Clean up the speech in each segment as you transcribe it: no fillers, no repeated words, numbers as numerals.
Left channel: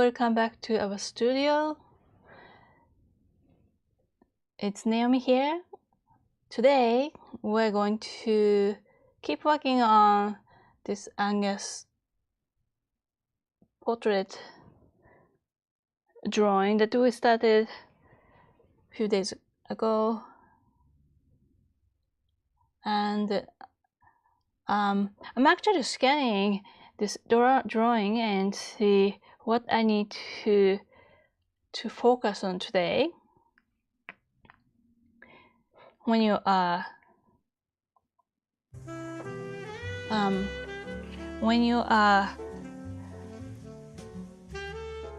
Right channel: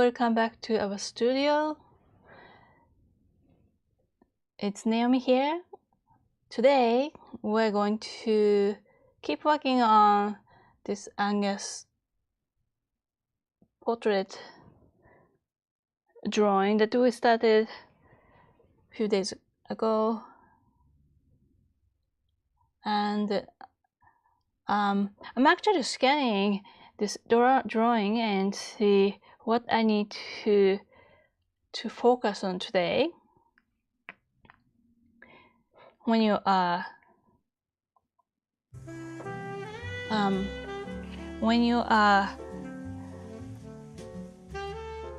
welcome back to our studio. It's Naomi here. Today we're going to keep working on this Angus portrait drawing that we started a few days ago. And I'm actually scanning this drawing and see what I need to focus on today. When you are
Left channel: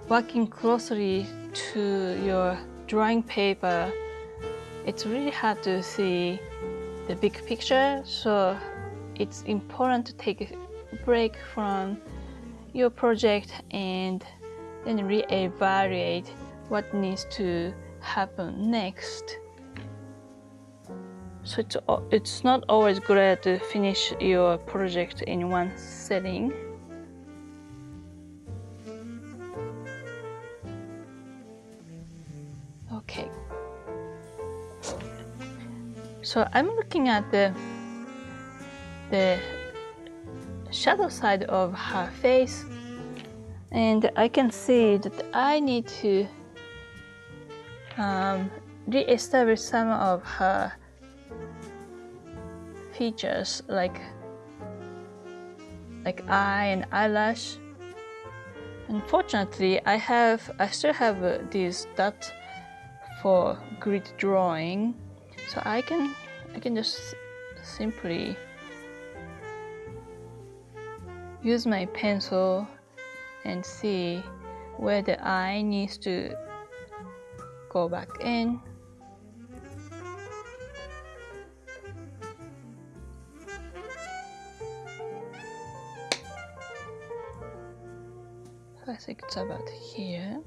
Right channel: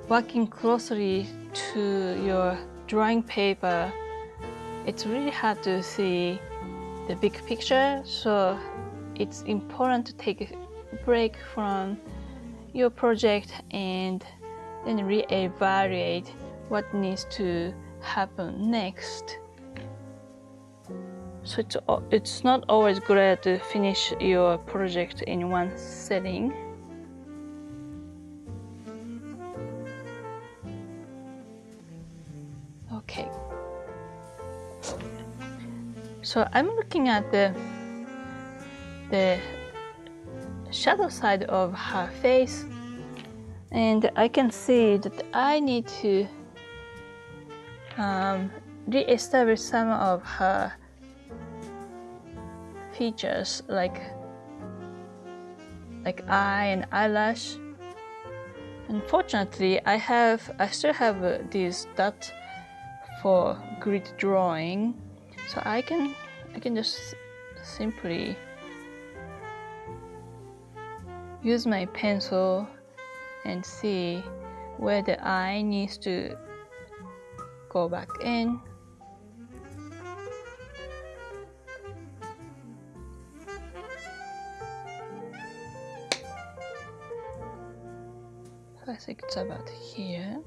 working closely to your drawing paper, it's really hard to see the big picture, so it's important to take a break from your project and then re-evaluate what needs to happen next. So it's not always great to finish your project in one setting. Okay. So I'm looking at the shadow side of her face, and I can see that I need to re-establish some of her features like eye and eyelash. Unfortunately, I still have these dots for grid drawing, so I can just simply use my pencil and see where the eye needs to go back in. So I think it's about here.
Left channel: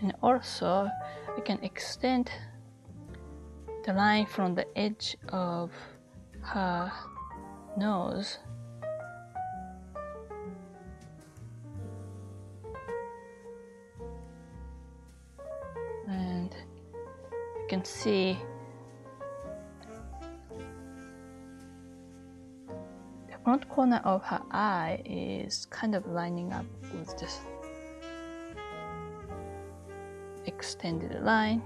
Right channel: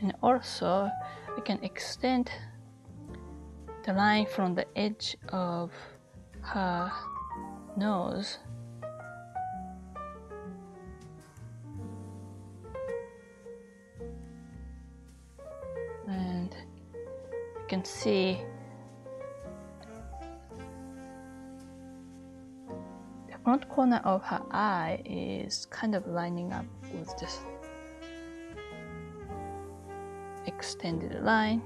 And also, I can extend the line from the edge of her nose. And you can see the front corner of her eye is kind of lining up with this extended line.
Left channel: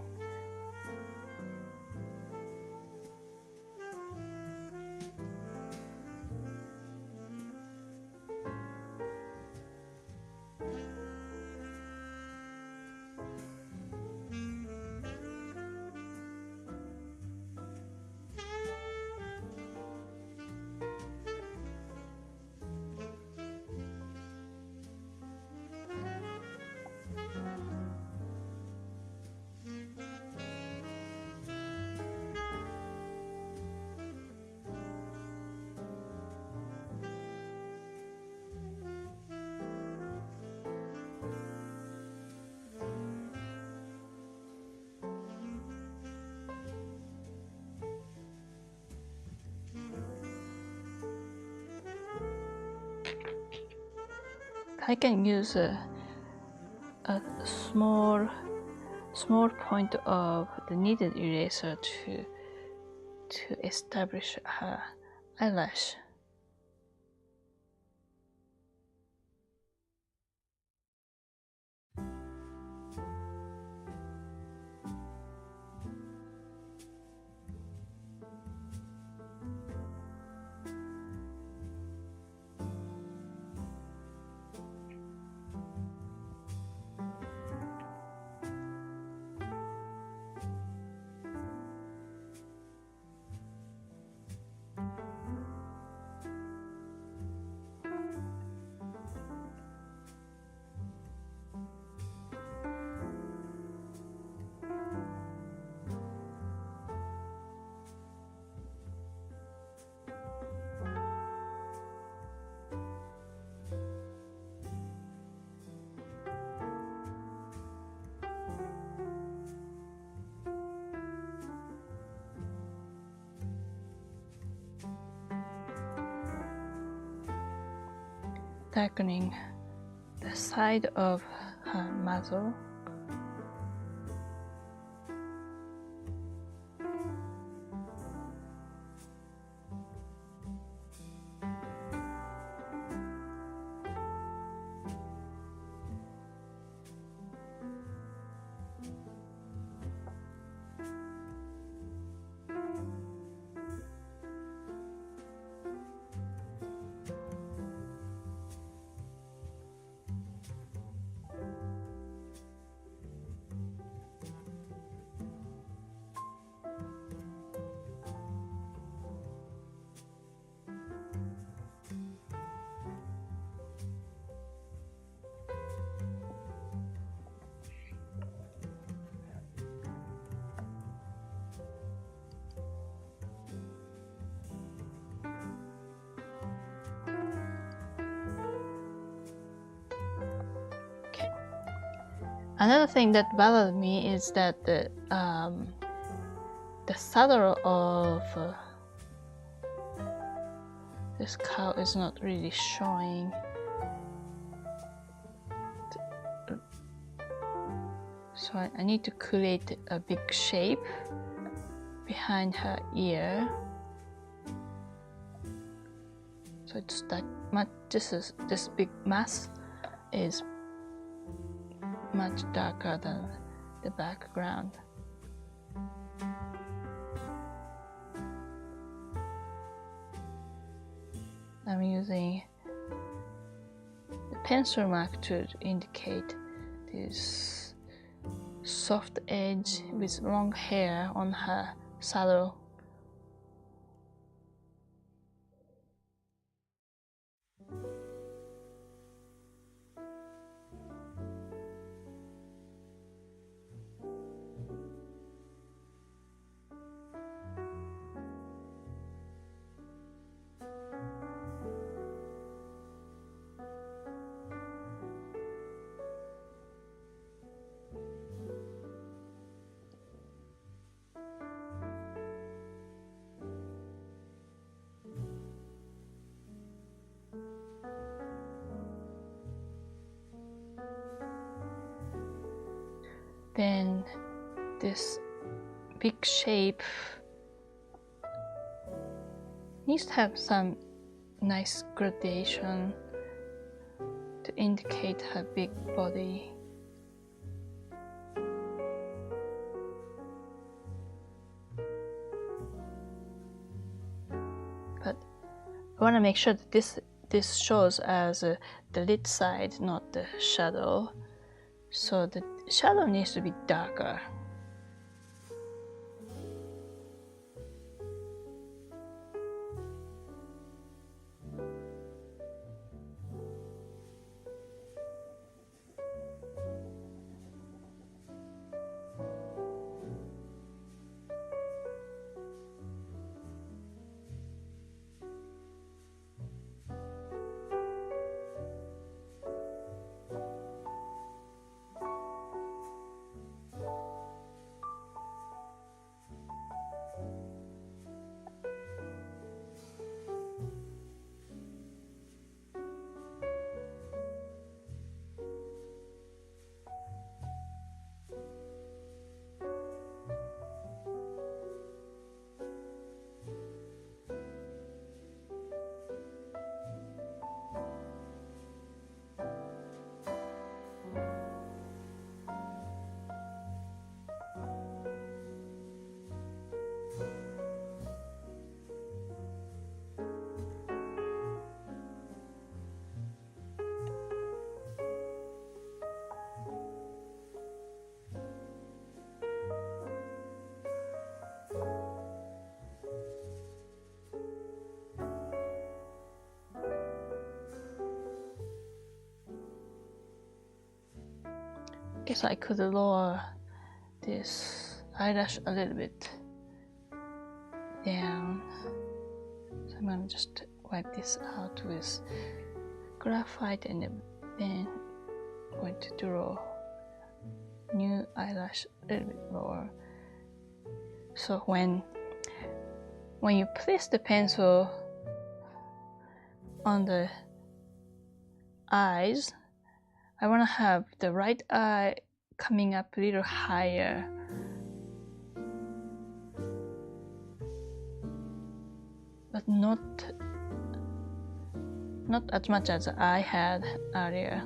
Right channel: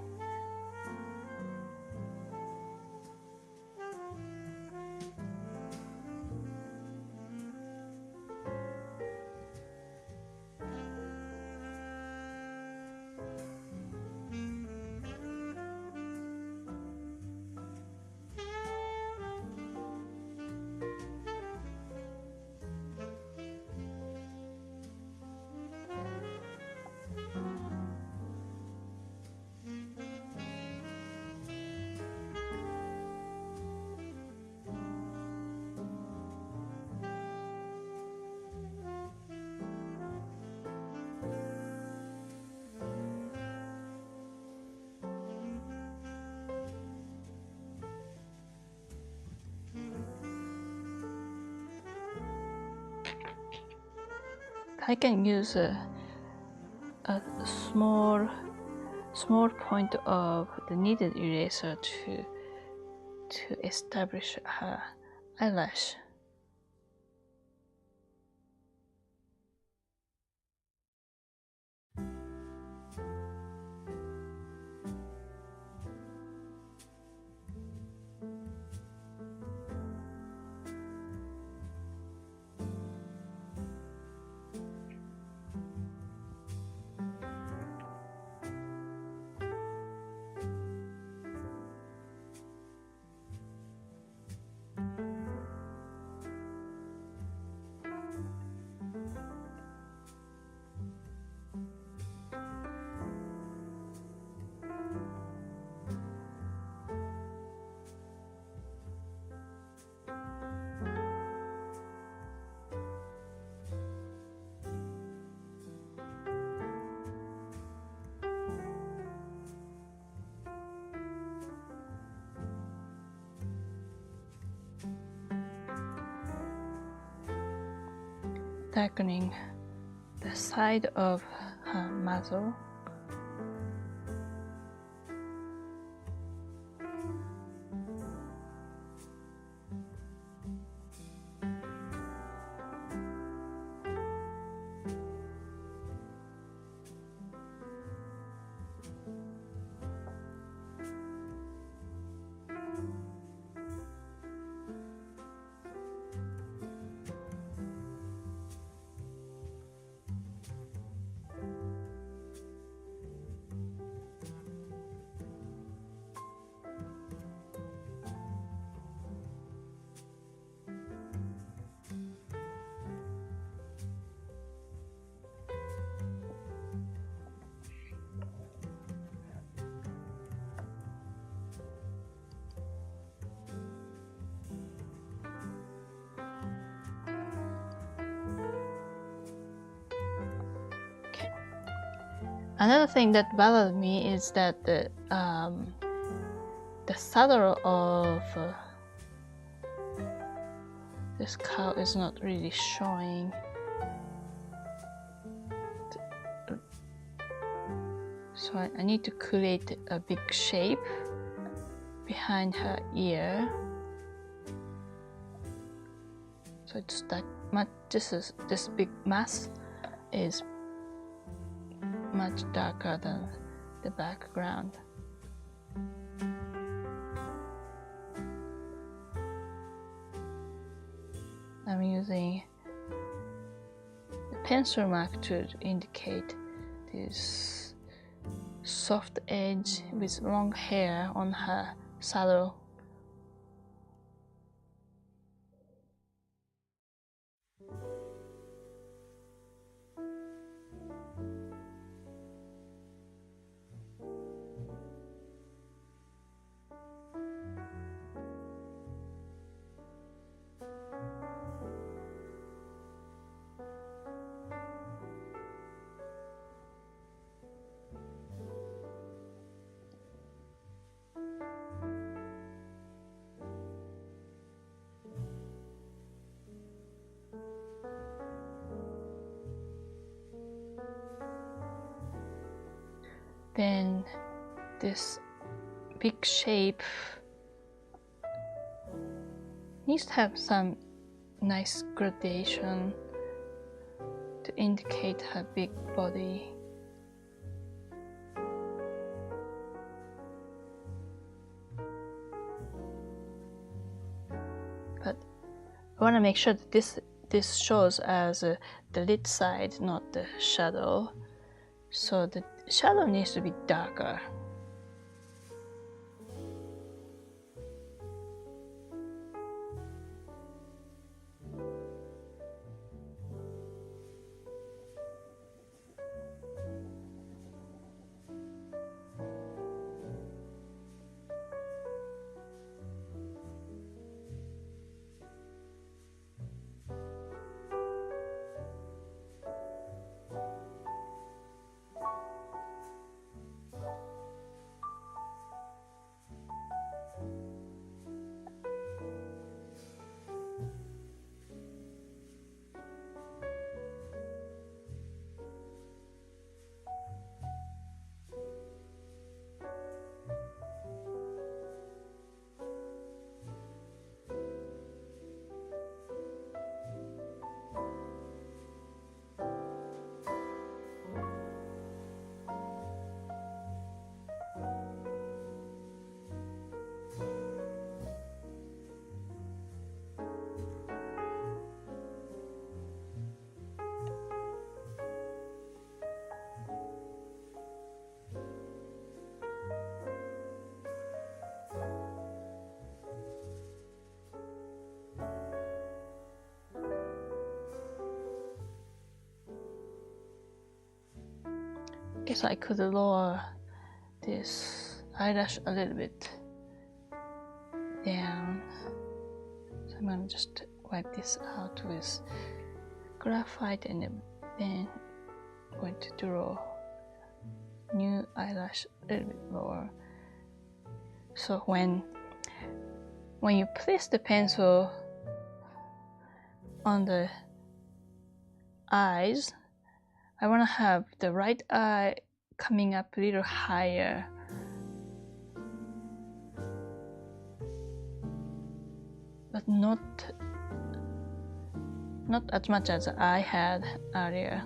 I can use a small point of the kneaded eraser to establish her eyelash. darkening the side of her muzzle. Another thing that bothered me is that the saddle of this cow is not really showing. So I need to create a big shape behind her ear. So it's that much. This big mass is much darker than the background. I'm using the pencil mark to indicate this soft edge with long hair on her saddle. Then this big shape needs to have some nice gradation to indicate her big body. But I want to make sure that this shows as the lit side, not the shadow. So the shadow needs to be darker. Guess I could lower this eyelash a little bit down. So I'm gonna just wipe this out with graphite and then I'm going to draw new eyelash a little bit lower. So when you place the pencil on the eyes, I want to have the right eye coming up a little higher. But not as much as I had earlier.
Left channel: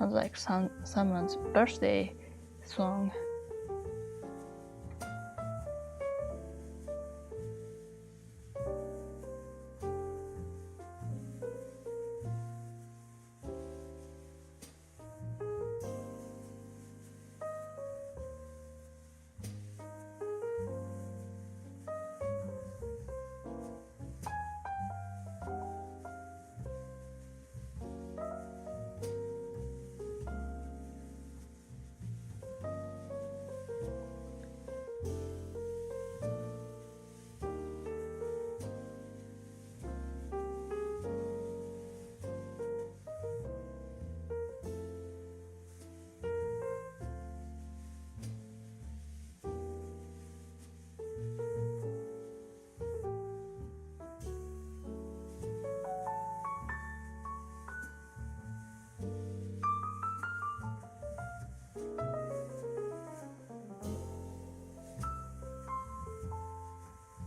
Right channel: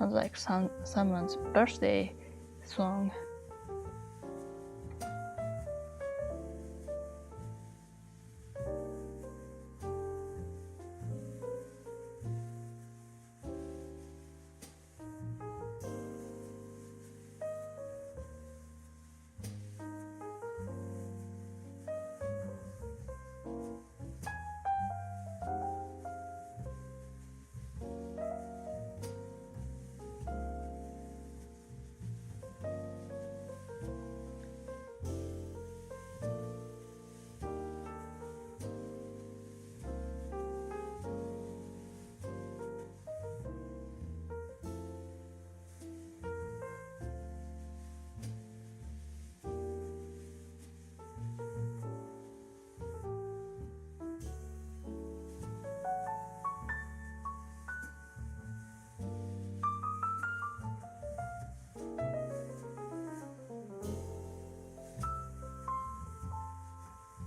Sounds like someone's birthday song.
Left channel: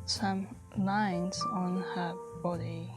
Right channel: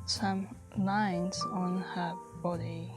Some lines on her body.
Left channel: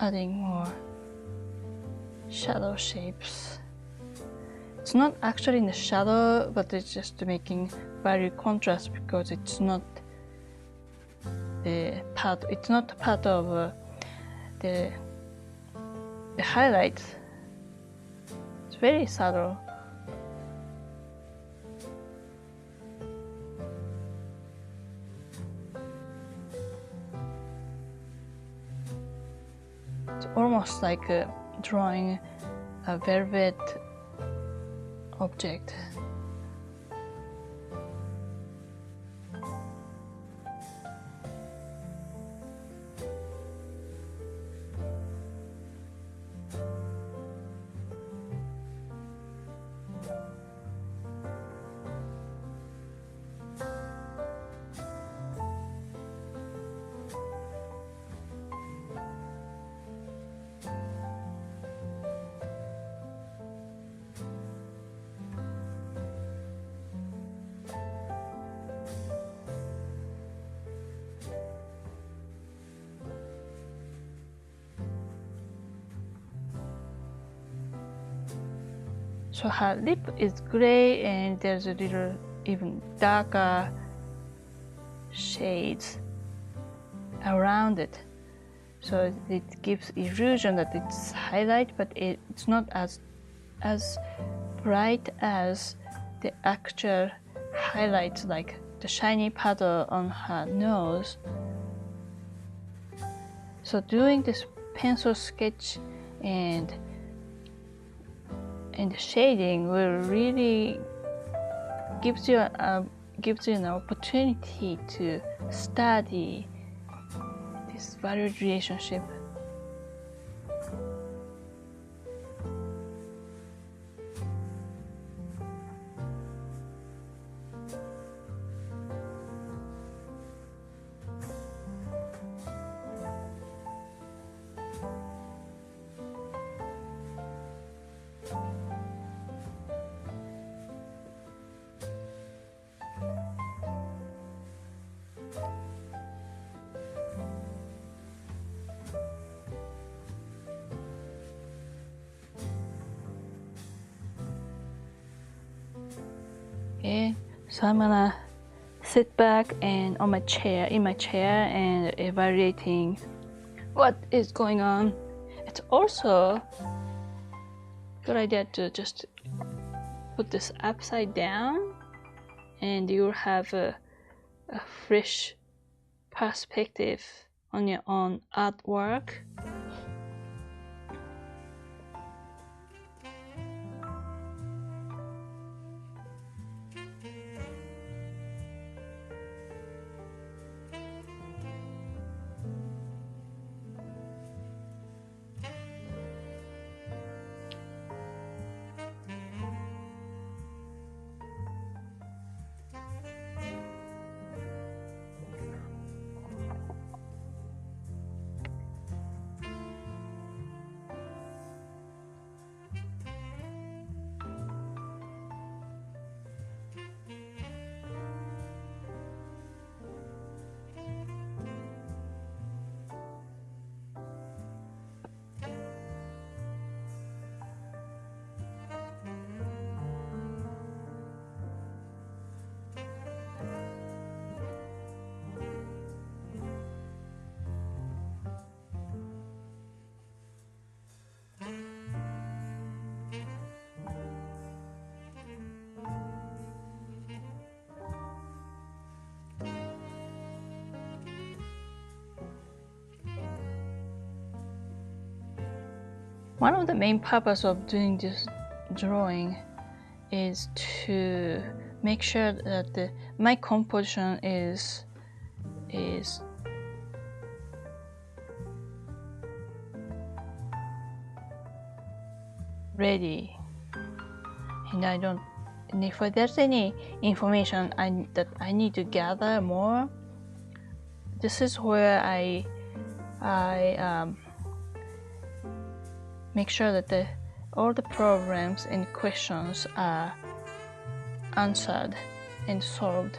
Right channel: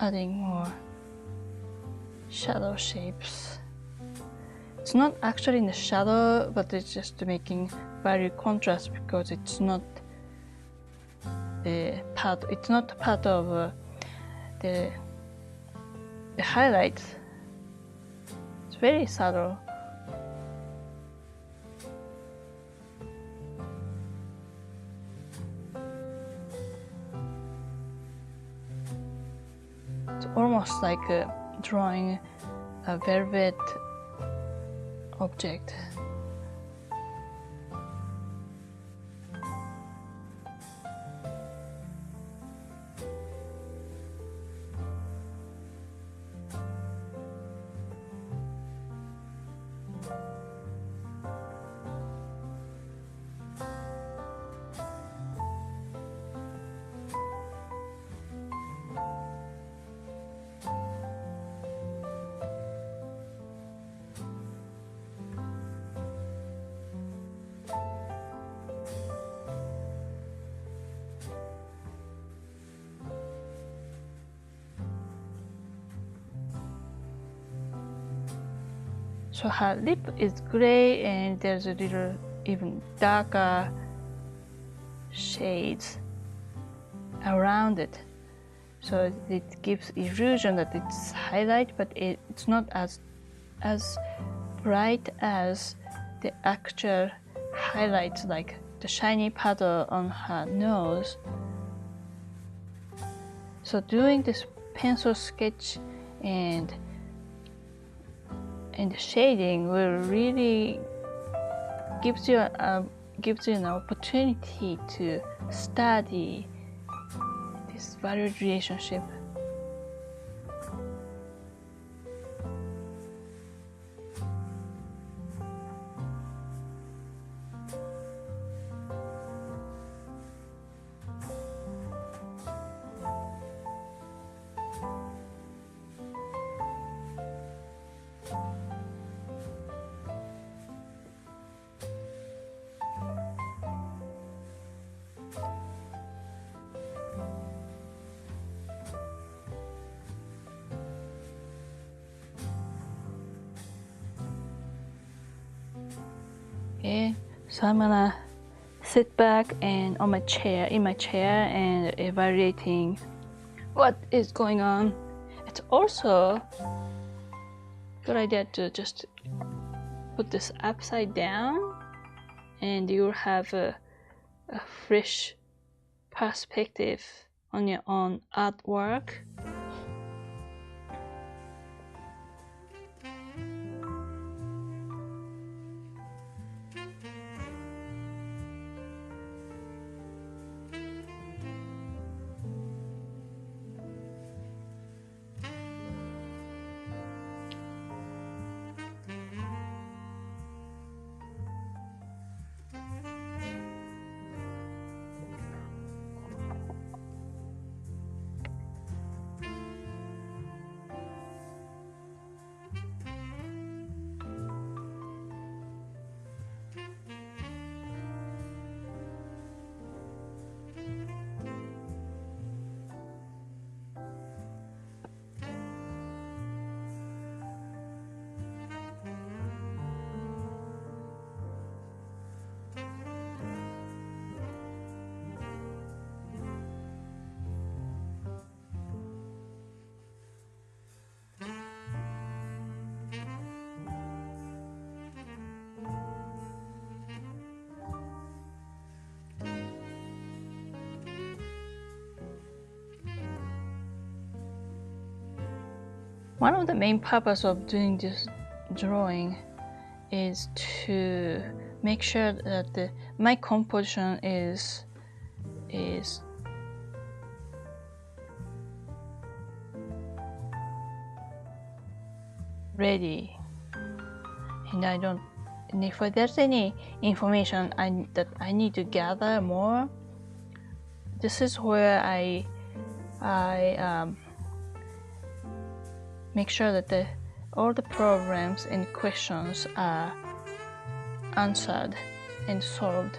Adding more shadow shapes. It's not actually in the shadow, but it's just making value contrast because it's not part of the highlights. It's very subtle. It's almost like drawing a velvet object. So her lip is gray and there's a little even darker shades around it. So it gives illusion that it's highlight, but it's not as bright as the actual highlights, like the shiny puddle on her nose. So doing this pencil sketch and shading will really gives you an opportunity to study this valued relationship. Okay, so I'm gonna sit back and in my chair and evaluating what is going on. It's also a good idea to just put this upside down and you'll have a fresh perspective on your own artwork. One of the main purpose of doing this drawing is to make sure that my composition is ready, and if there's any information that I need to gather more, this is where I make sure that all the problems and questions are answered and solved.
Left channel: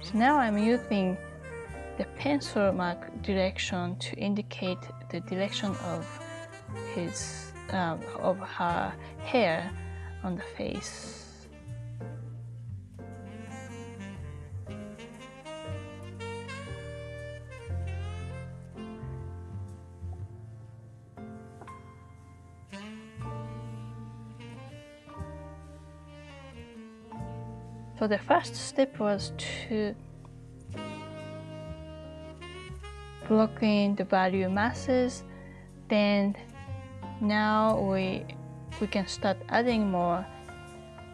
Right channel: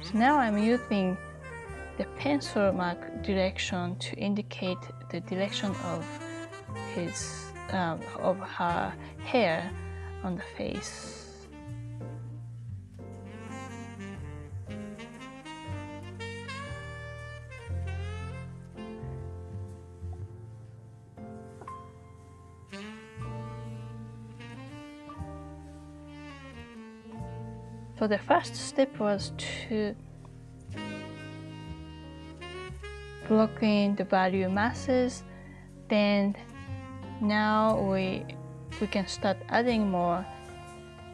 So now I'm using the pencil mark direction to indicate the direction of her hair on the face. So the first step was to block in the value masses. Then now we can start adding more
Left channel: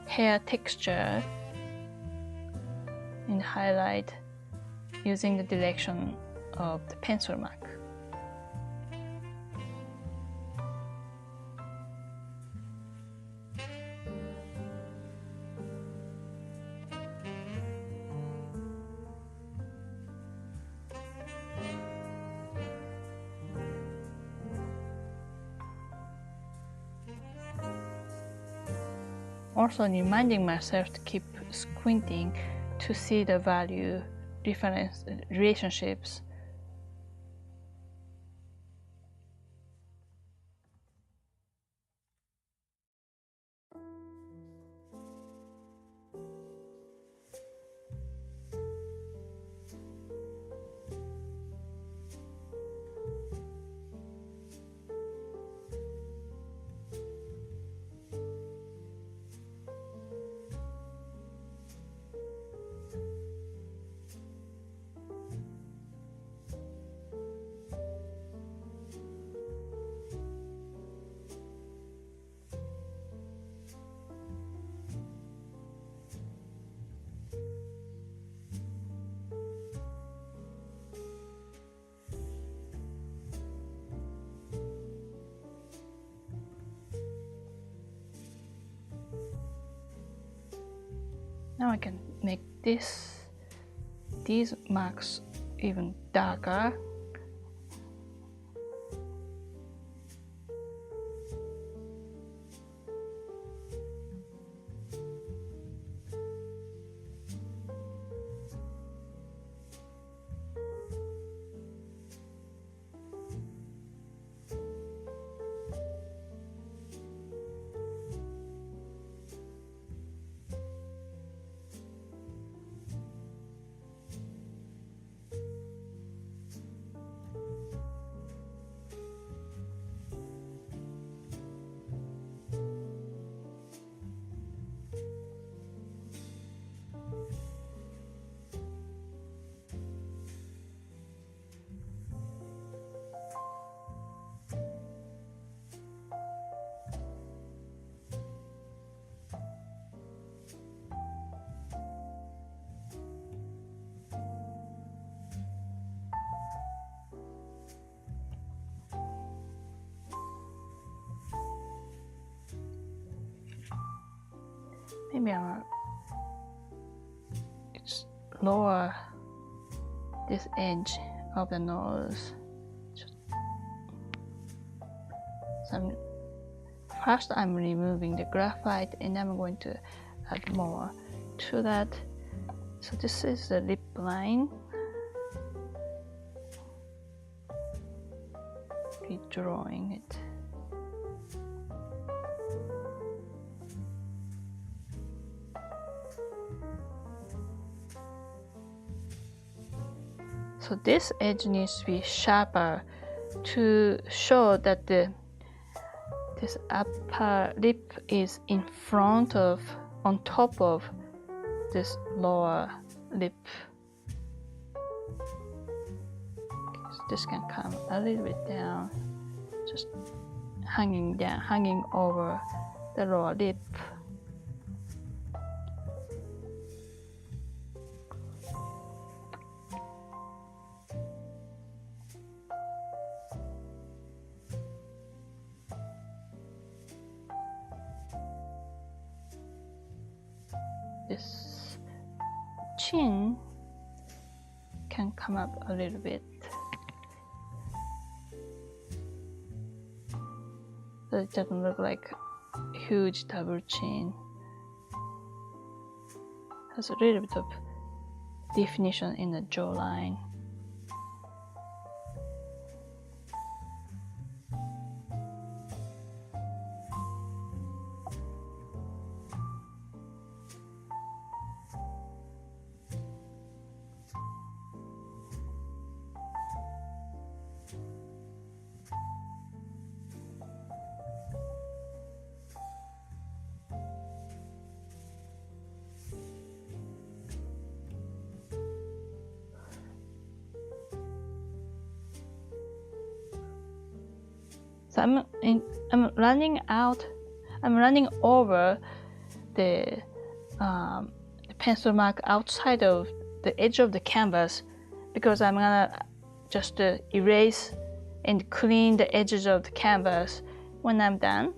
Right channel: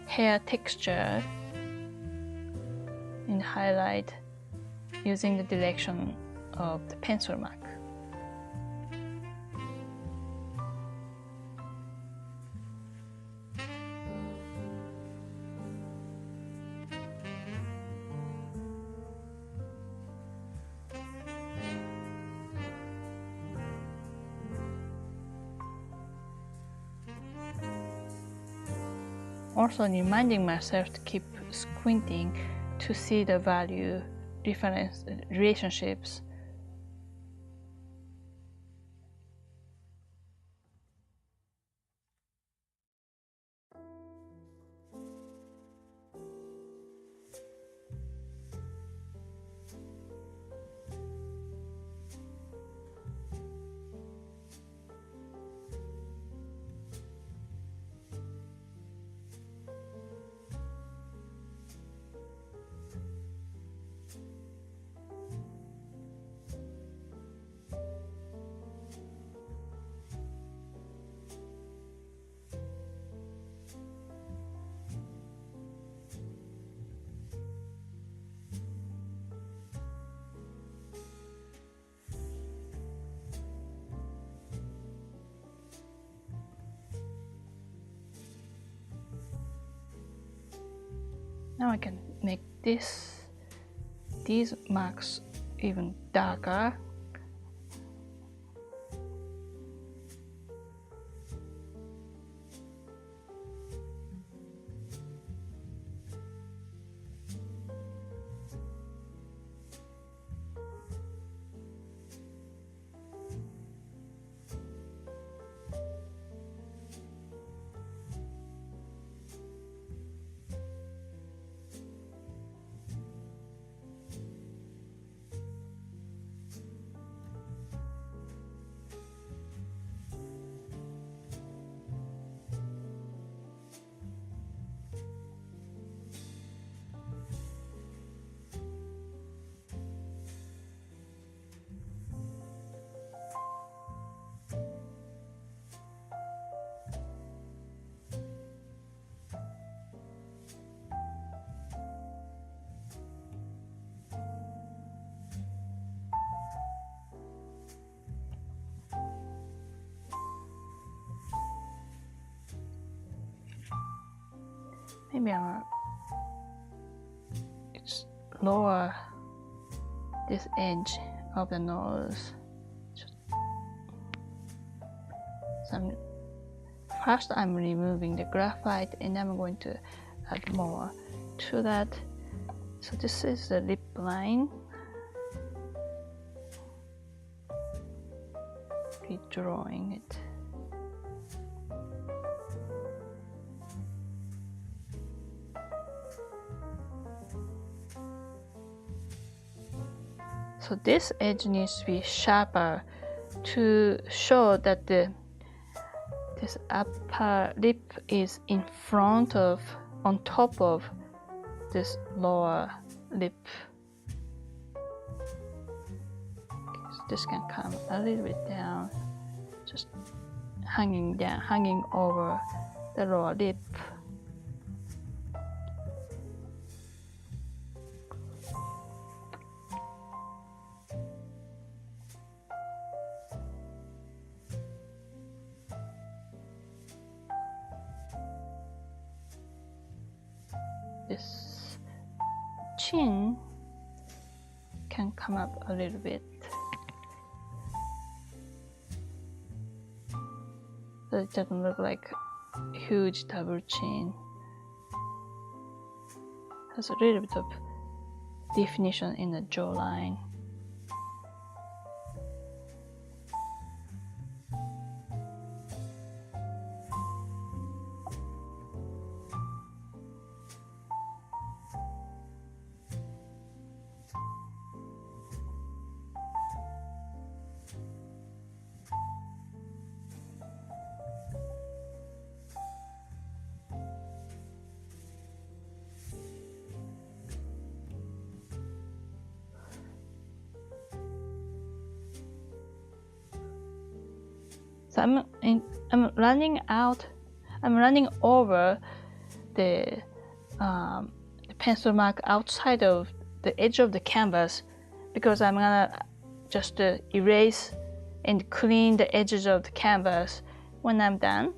hair texture and highlight using the direction of the pencil mark. Also reminding myself to keep squinting to see the value difference relationships. Now I can make these marks even darker. Maybe I'll lower this edge of the nose. First I'm removing the graphite and I'm going to add more to that. So this is the lip line. Redrawing it. So this edge needs to be sharper to show that this upper lip is in front of, on top of this lower lip. Okay, so this can come a little bit down, just hanging down, hanging over the lower lip. This chin can come up a little bit, so it doesn't look like a huge double chin. Has a little bit of definition in the jawline. So I'm running over the pencil mark outside of the edge of the canvas, because I'm gonna just erase and clean the edges of the canvas when I'm done.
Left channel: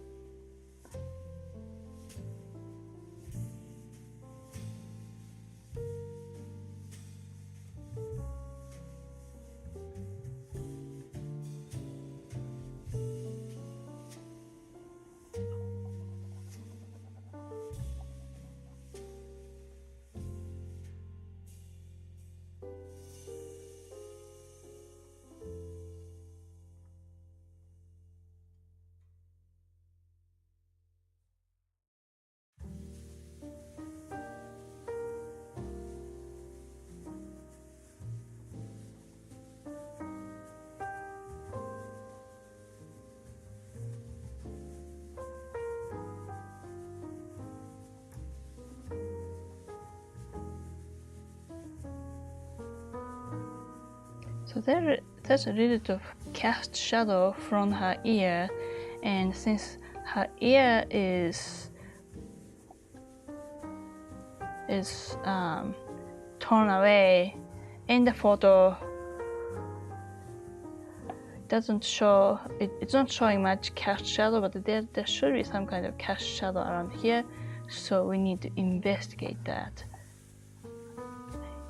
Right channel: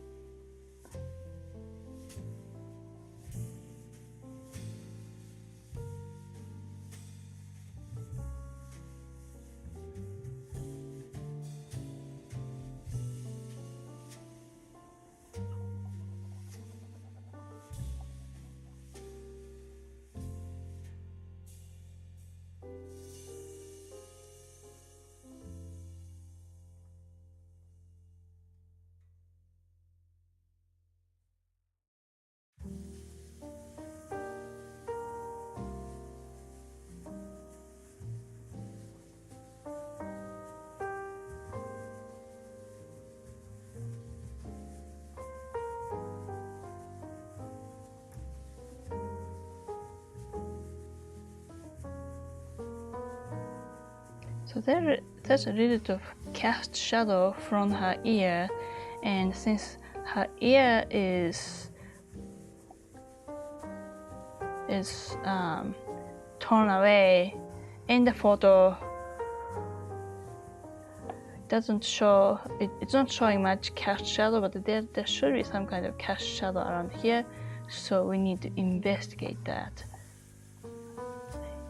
So there's a little bit of cast shadow from her ear, and since her ear is torn away in the photo, it's not showing much cast shadow, but there should be some kind of cast shadow around here, so we need to investigate that.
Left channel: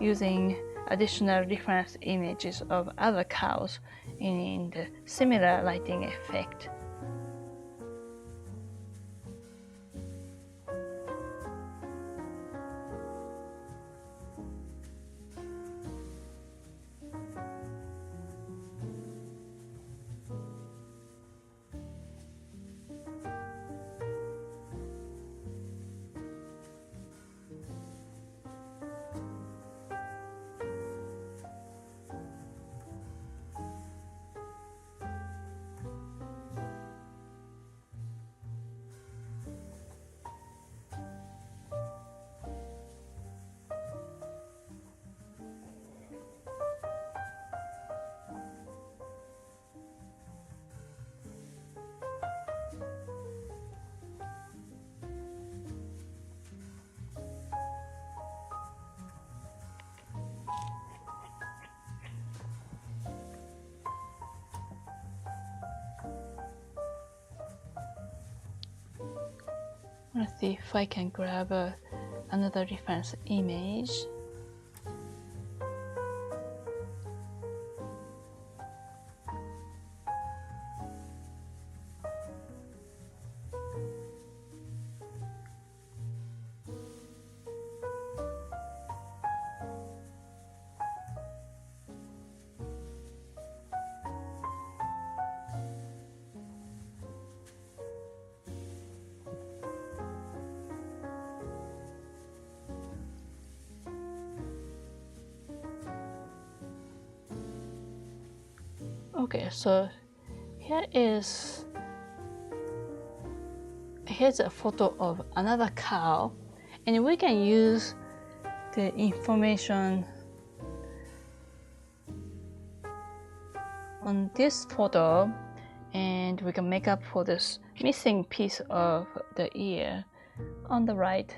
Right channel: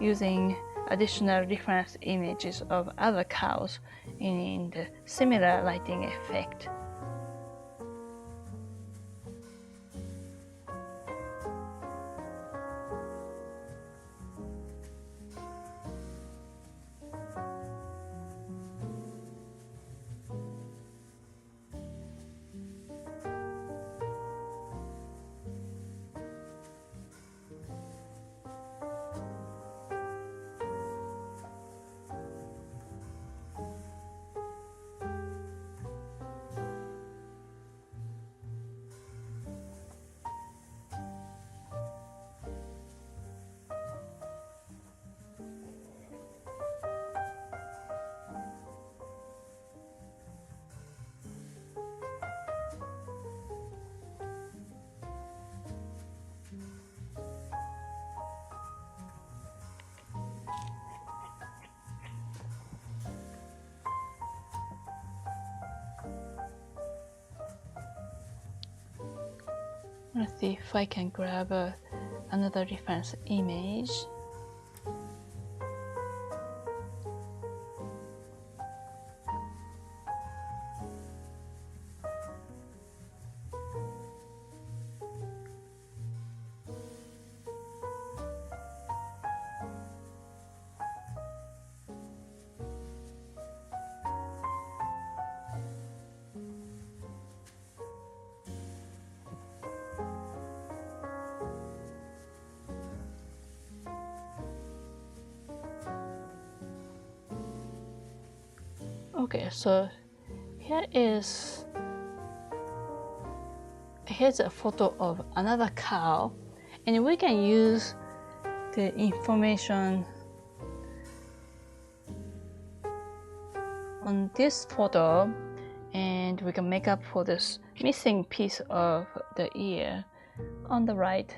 using additional reference images of other cows in the similar lighting effect. Let's see if I can grab another reference image. Okay, so here's a photo of another cow, and we can use the information on this photo, and we can make up for this missing piece of the ear on the right.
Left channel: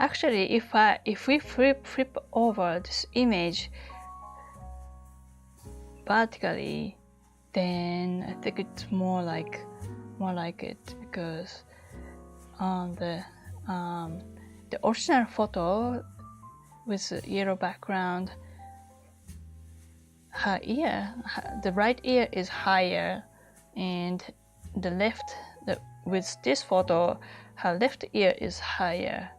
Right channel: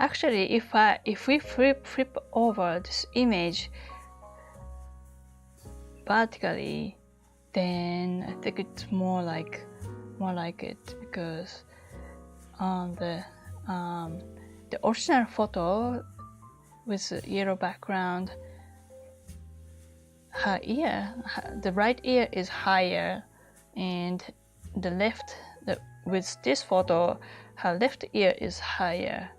Actually, if we flip over this image vertically, then I think it's more like it, because on the original photo with the yellow background, her ear, the right ear is higher, and with this photo, her left ear is higher.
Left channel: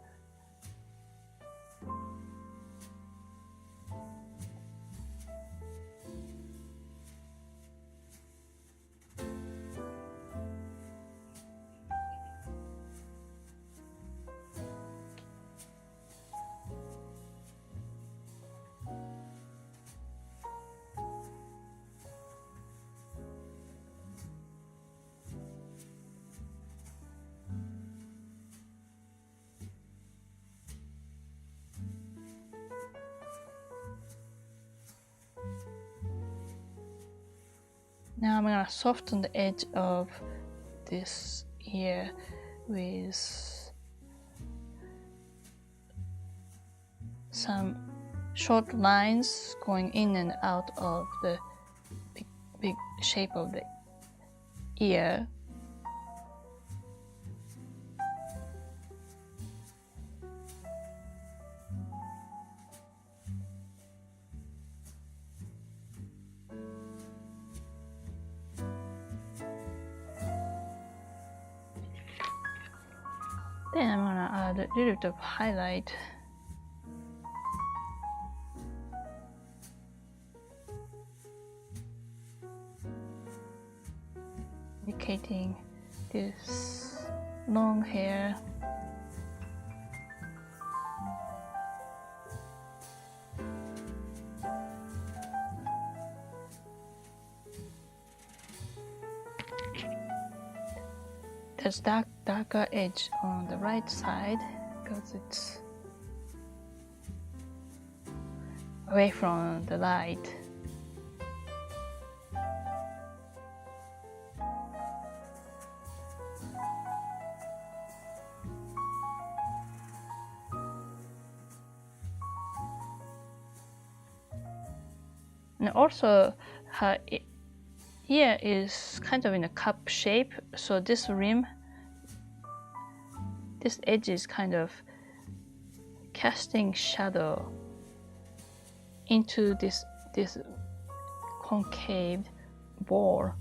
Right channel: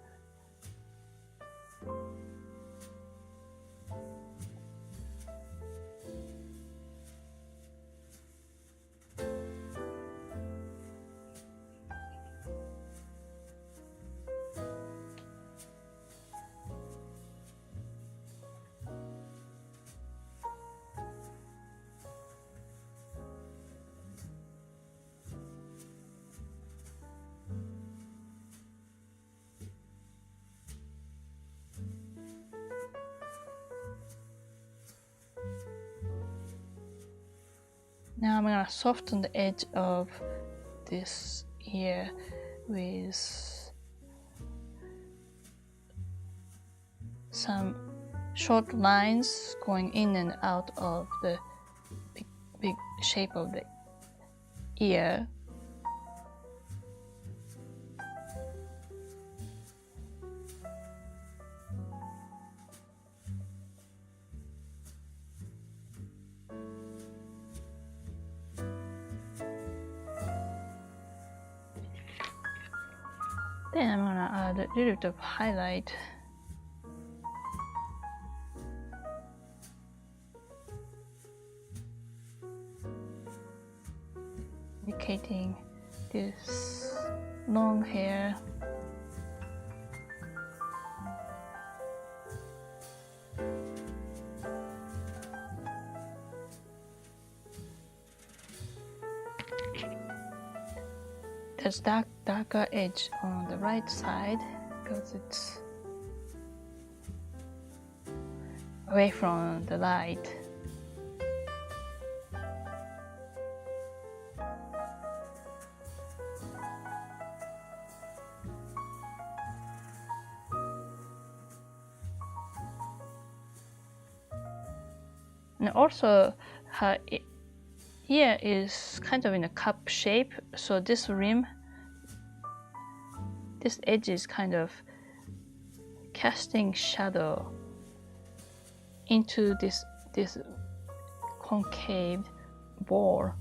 Now I'm gonna soften the edge of this ear with some short lines going in and out of the big shape of the ear. Then I'm gonna add a little bit of highlight. indicating this long hair. There's darker edge on the right side because it's away from the light. And also her ear is kind of in a cup shape, so this rim, this edge is kind of casting shadow into this concave ball.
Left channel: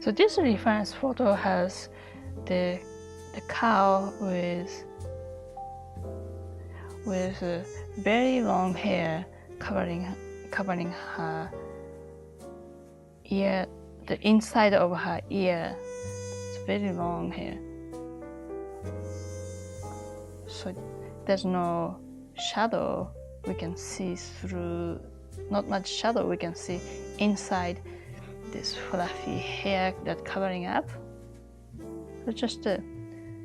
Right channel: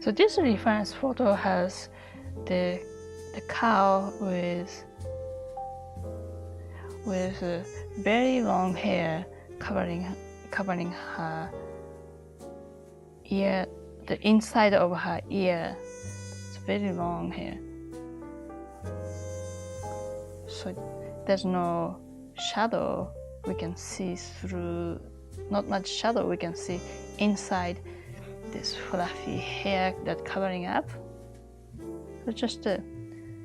So this reference photo has the cow with very long hair covering her ear, the inside of her ear. It's very long hair. So there's no shadow we can see through, not much shadow we can see inside this fluffy hair that's covering up. It's just the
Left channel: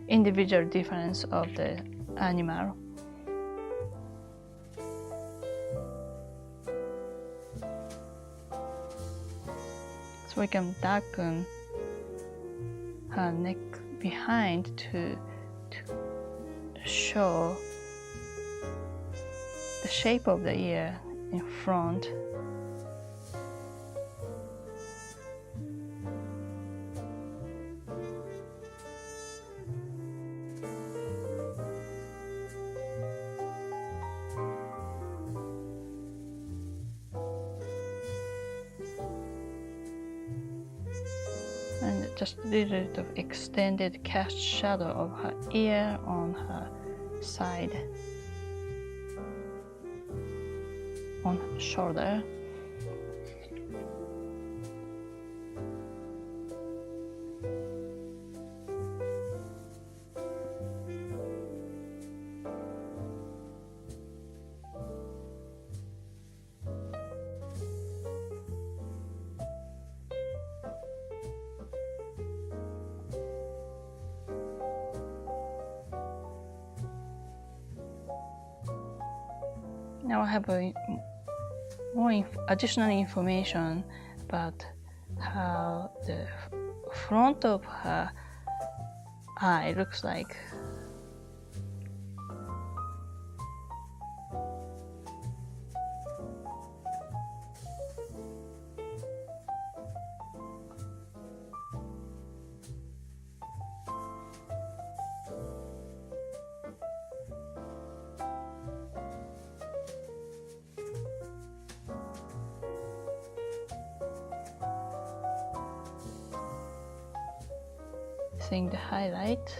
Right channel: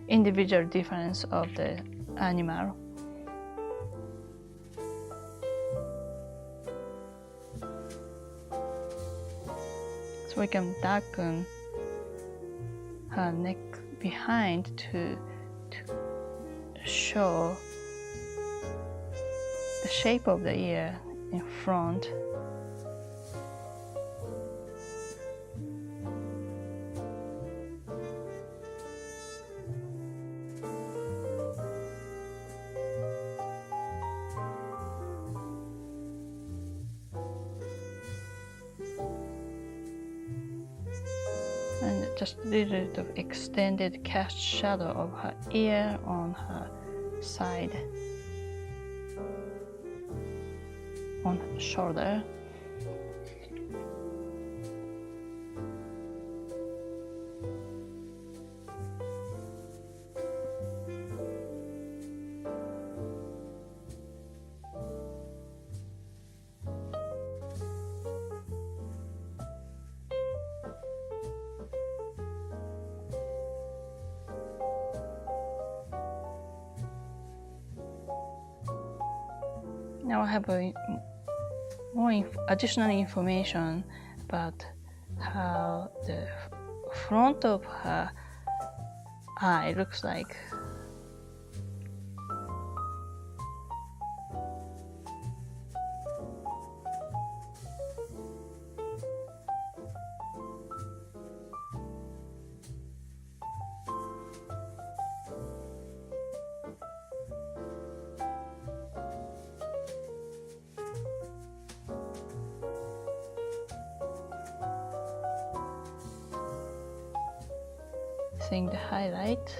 individual difference of the animal. So we can darken her neck behind to show the shape of the ear in front. And just a little bit of extended cast shadow of her ear on her side, on her shoulder. Now I have more additional information about how the front of her eye looks like. Seeing the highlight.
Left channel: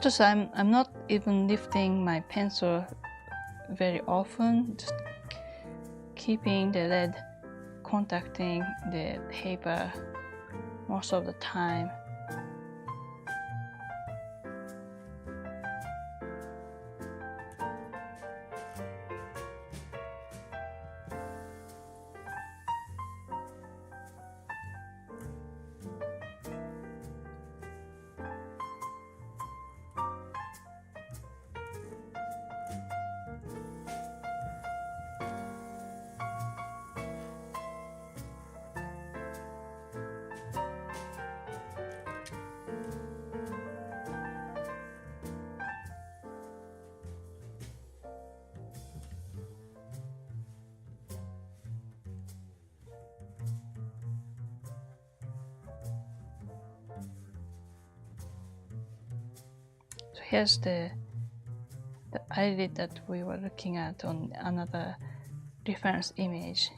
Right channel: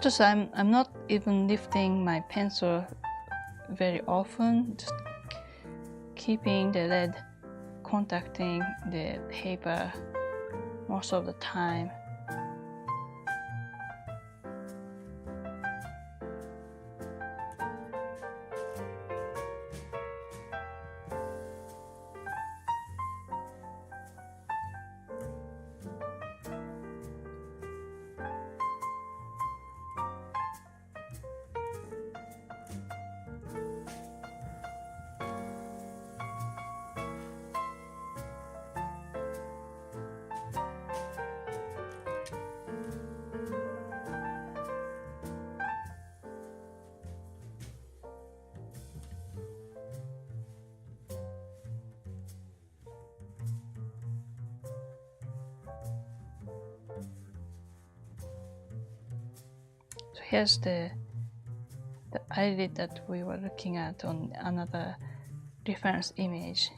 Just I'm not even lifting my pencil very often, just keeping the lead contacting the paper most of the time. So here's the eyelid that we were looking at on another reference image.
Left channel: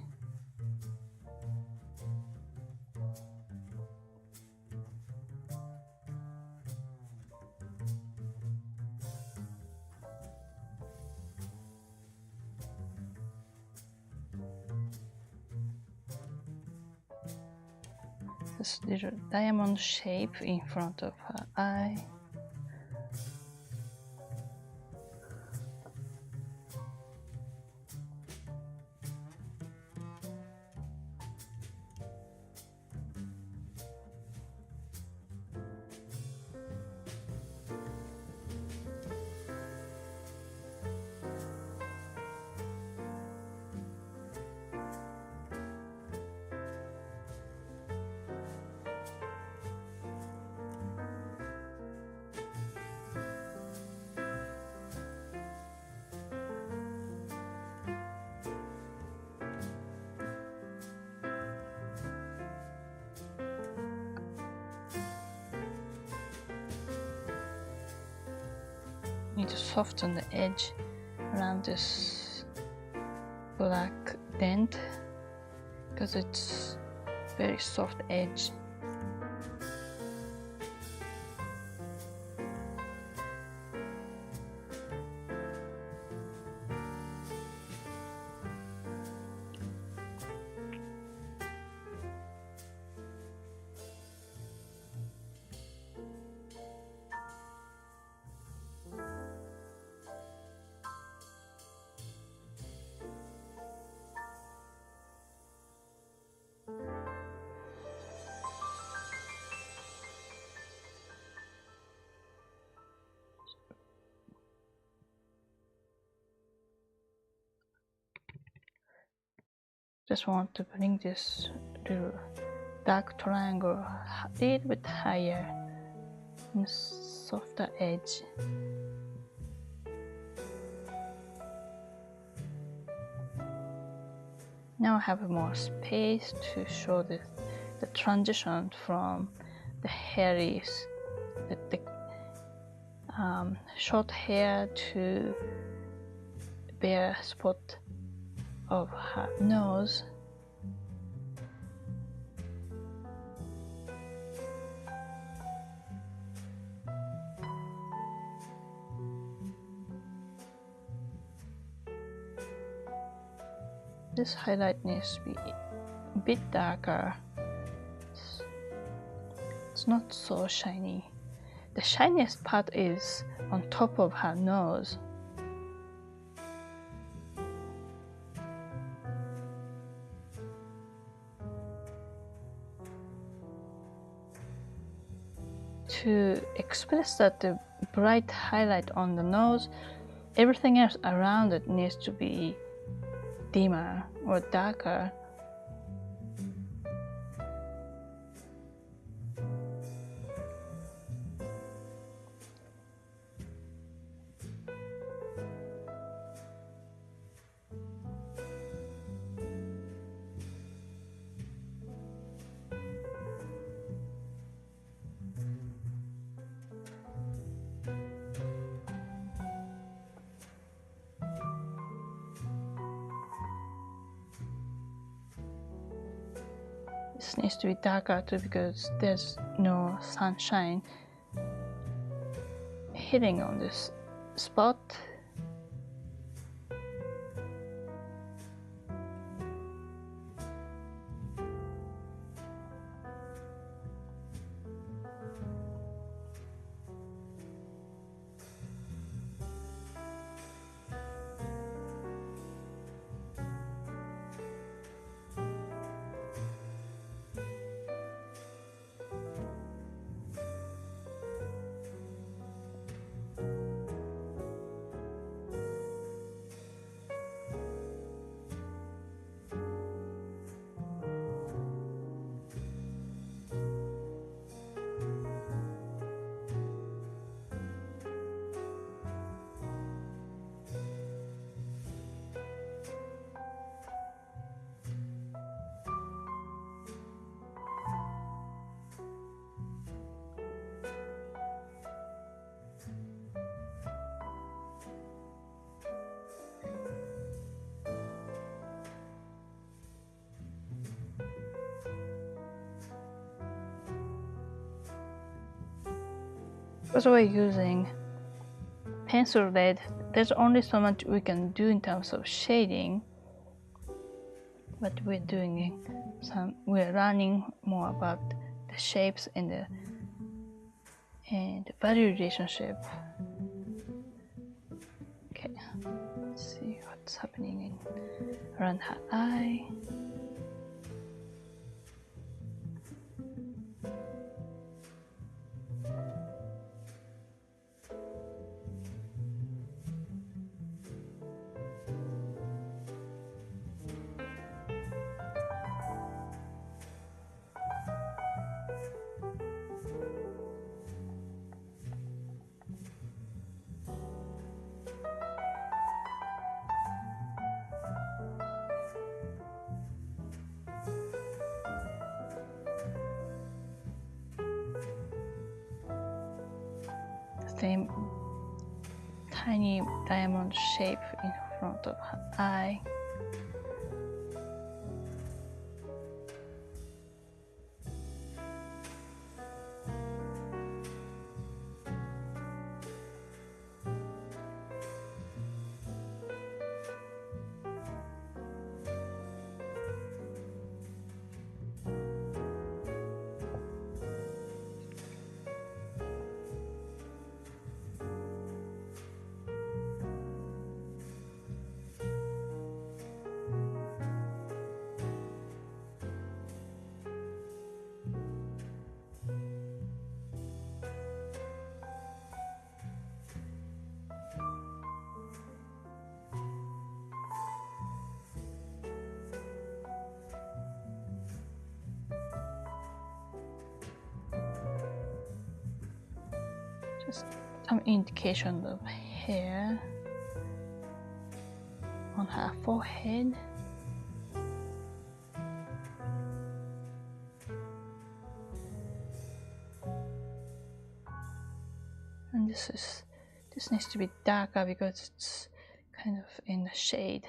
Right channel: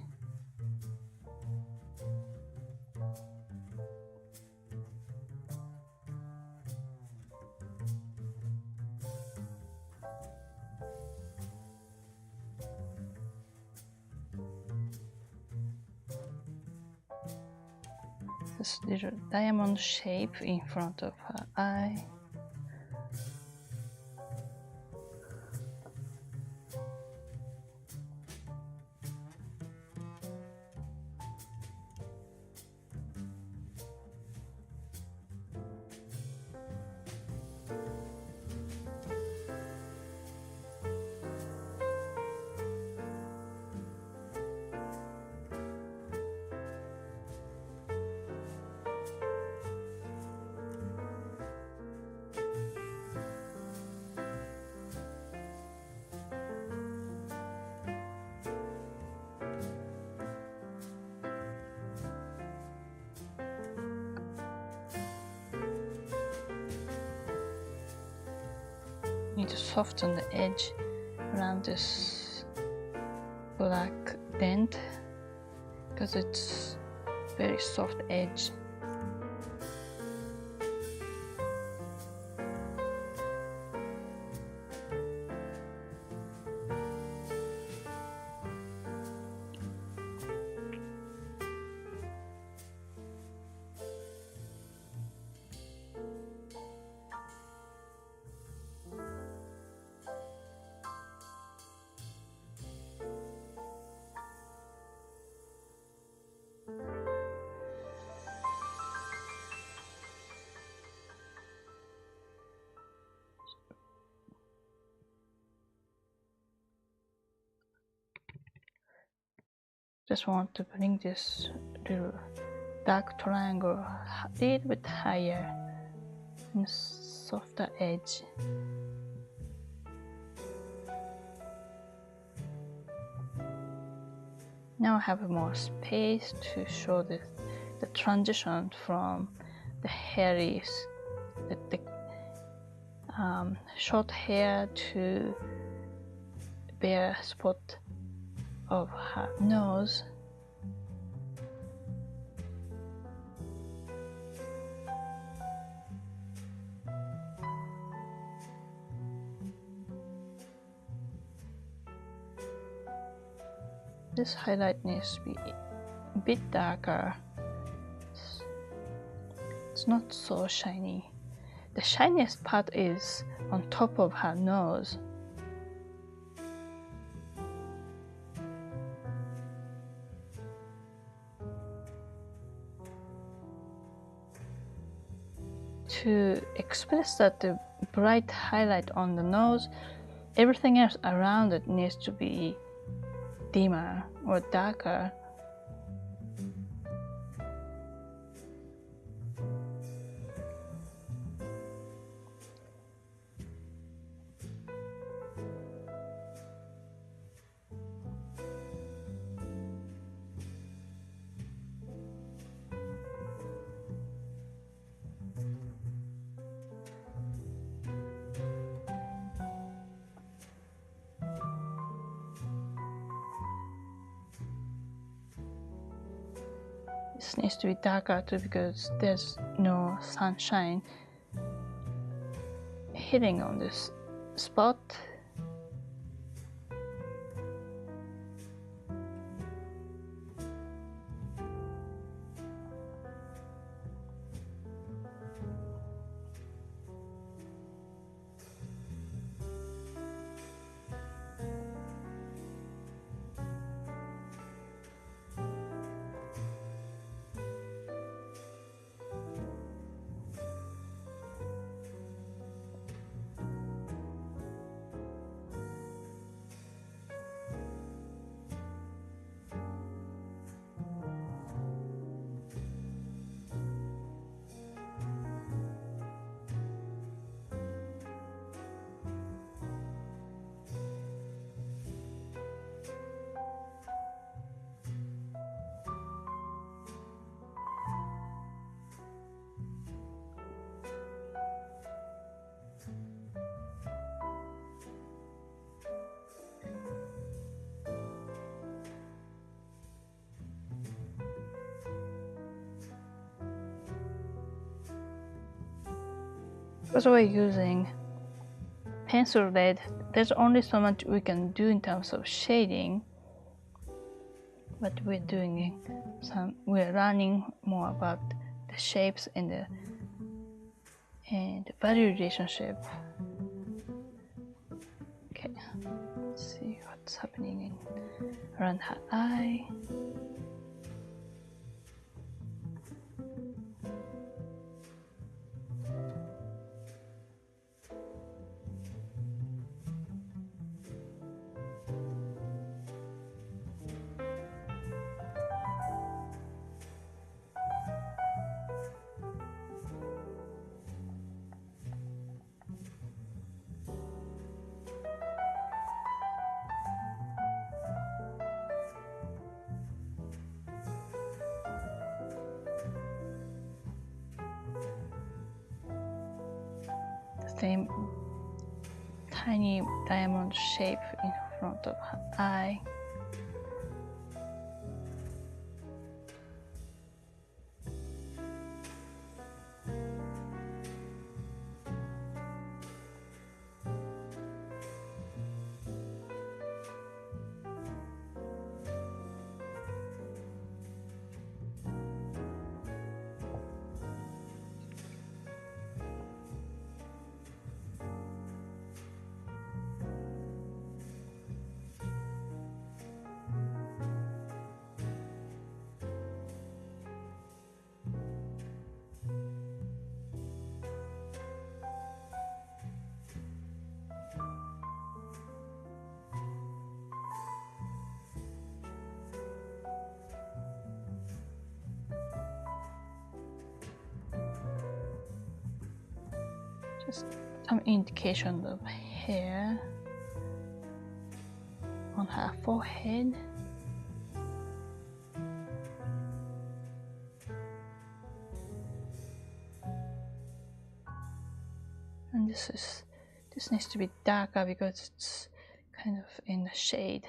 This little diamond shape in front of her eye. Need to soften the edge around this black dent because it's very soft edge. Just want to bring this little dark triangle a little bit higher and softer edge. Now I have more space to show the transition from the hairy, the short hair to bare spot of her nose. This highlight needs to be a bit darker. It's not so shiny. The shiniest part is on top of her nose. To express that the bright highlight on the nose, everything else around it needs to be dimmer or darker. This needs to be darker too because there's no sunshine hitting on this spot. Because we're using pencil lead, there's only so much we can do in terms of shading, but we're learning more about the shapes and the value relationship. Okay, let's see what's happening around her eye. Same tiny diamond shape in front of her eye. Just some indication of hair on her forehead. And this needs to be darker because it's kind of in the shade.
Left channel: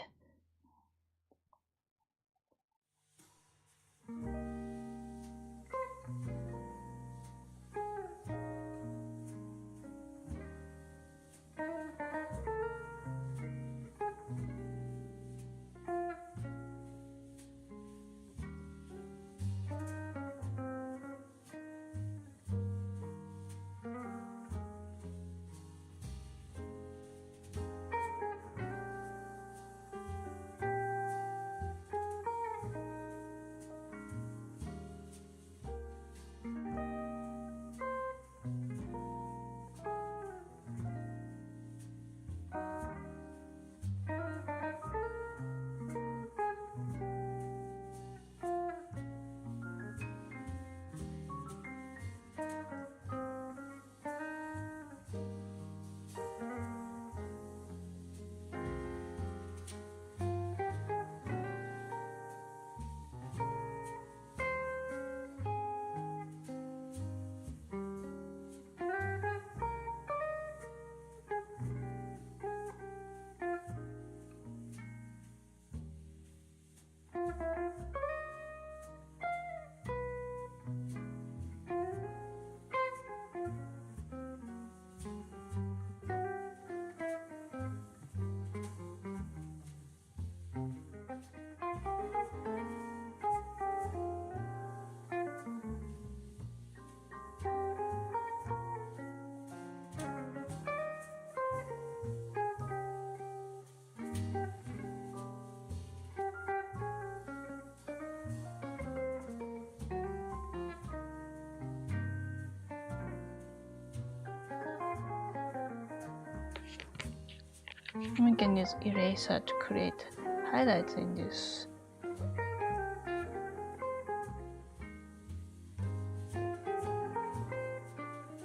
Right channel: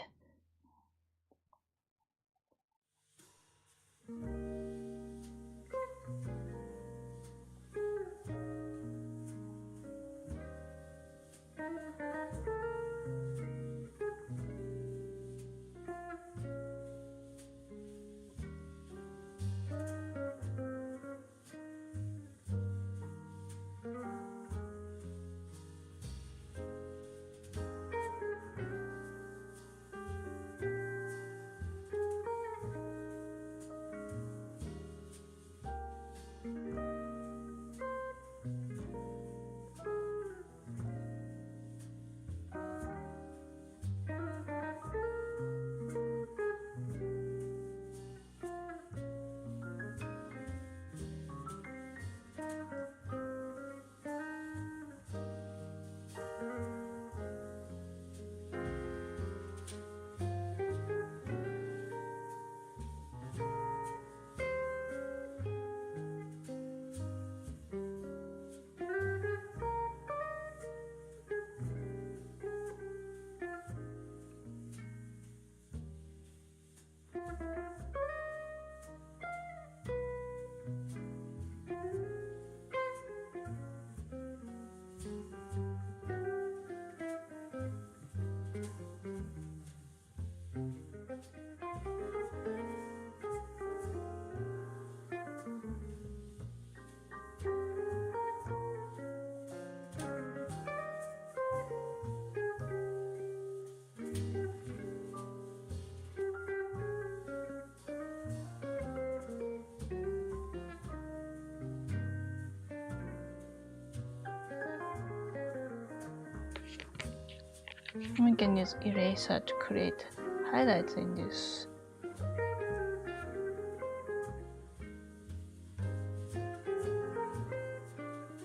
We can use eraser to create highlights in this.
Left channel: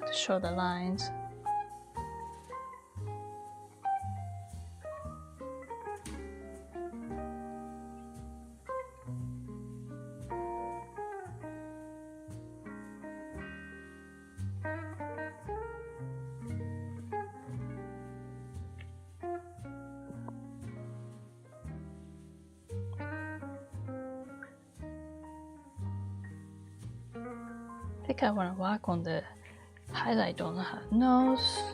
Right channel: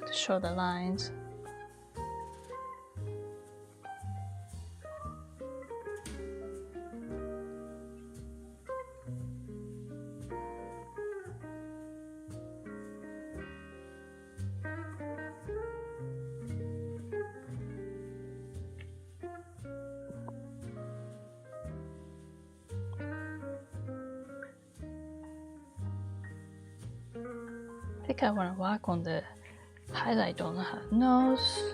To show the lines. I think I want to work on the highlight on her nose.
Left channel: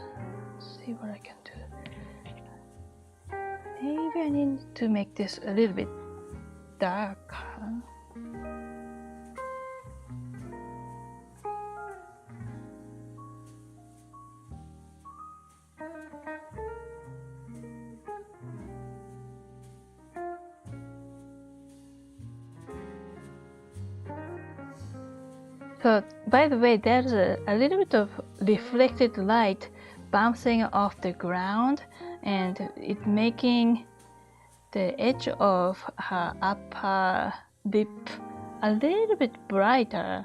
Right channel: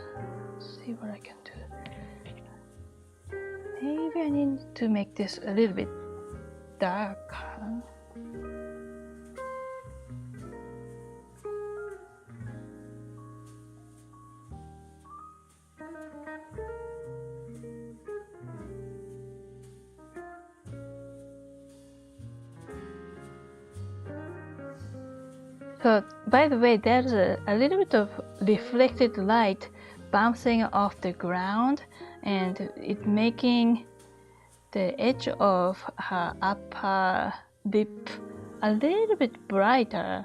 See what I can do. Maybe I need to make this a little bit darker. So, by the way, there's a little bit of reflected light bouncing off the ground, and it making the edge of her upper lip a little bit brighter,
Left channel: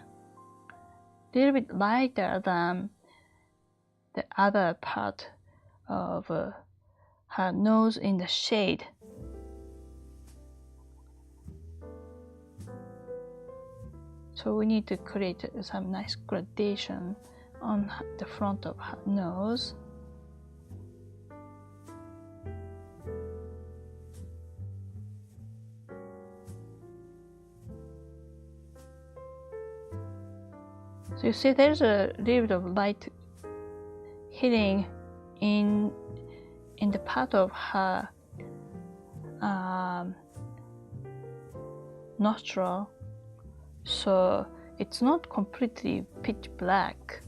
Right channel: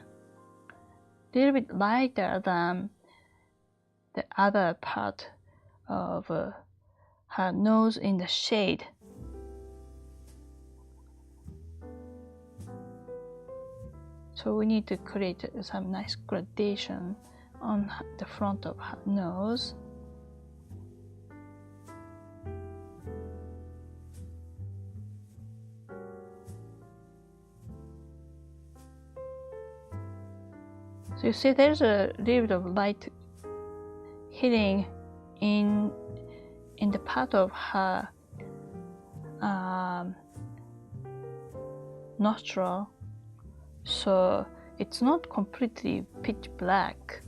a little bit lighter than the other part of her nose in the shade. So we need to create some nice gradation on the front of her nose. So you see there's a little bit of light hitting in the part of her nostril. So it's not completely pitch black.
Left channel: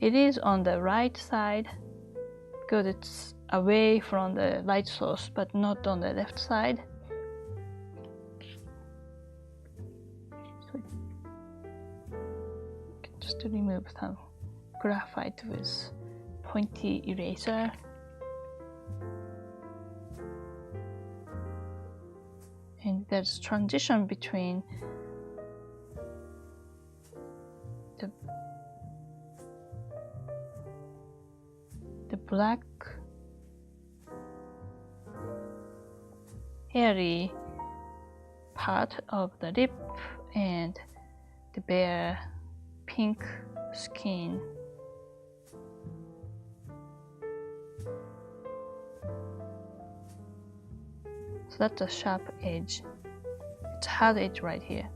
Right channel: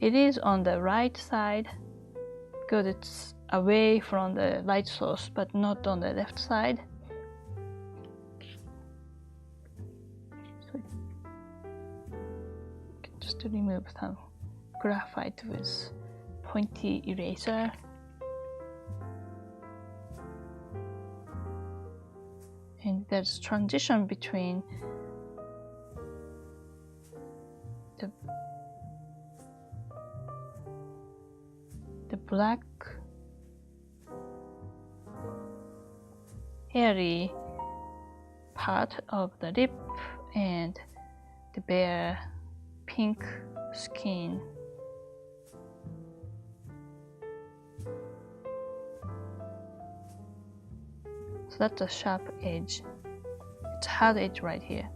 It is on the right side because it's away from the light source, but not on the left side. So you can just remove some graphite with pointy eraser. And there's transition between the black hairy part of the lip and the bare pink skin. So that's a sharp edge. It's a hard edge right here.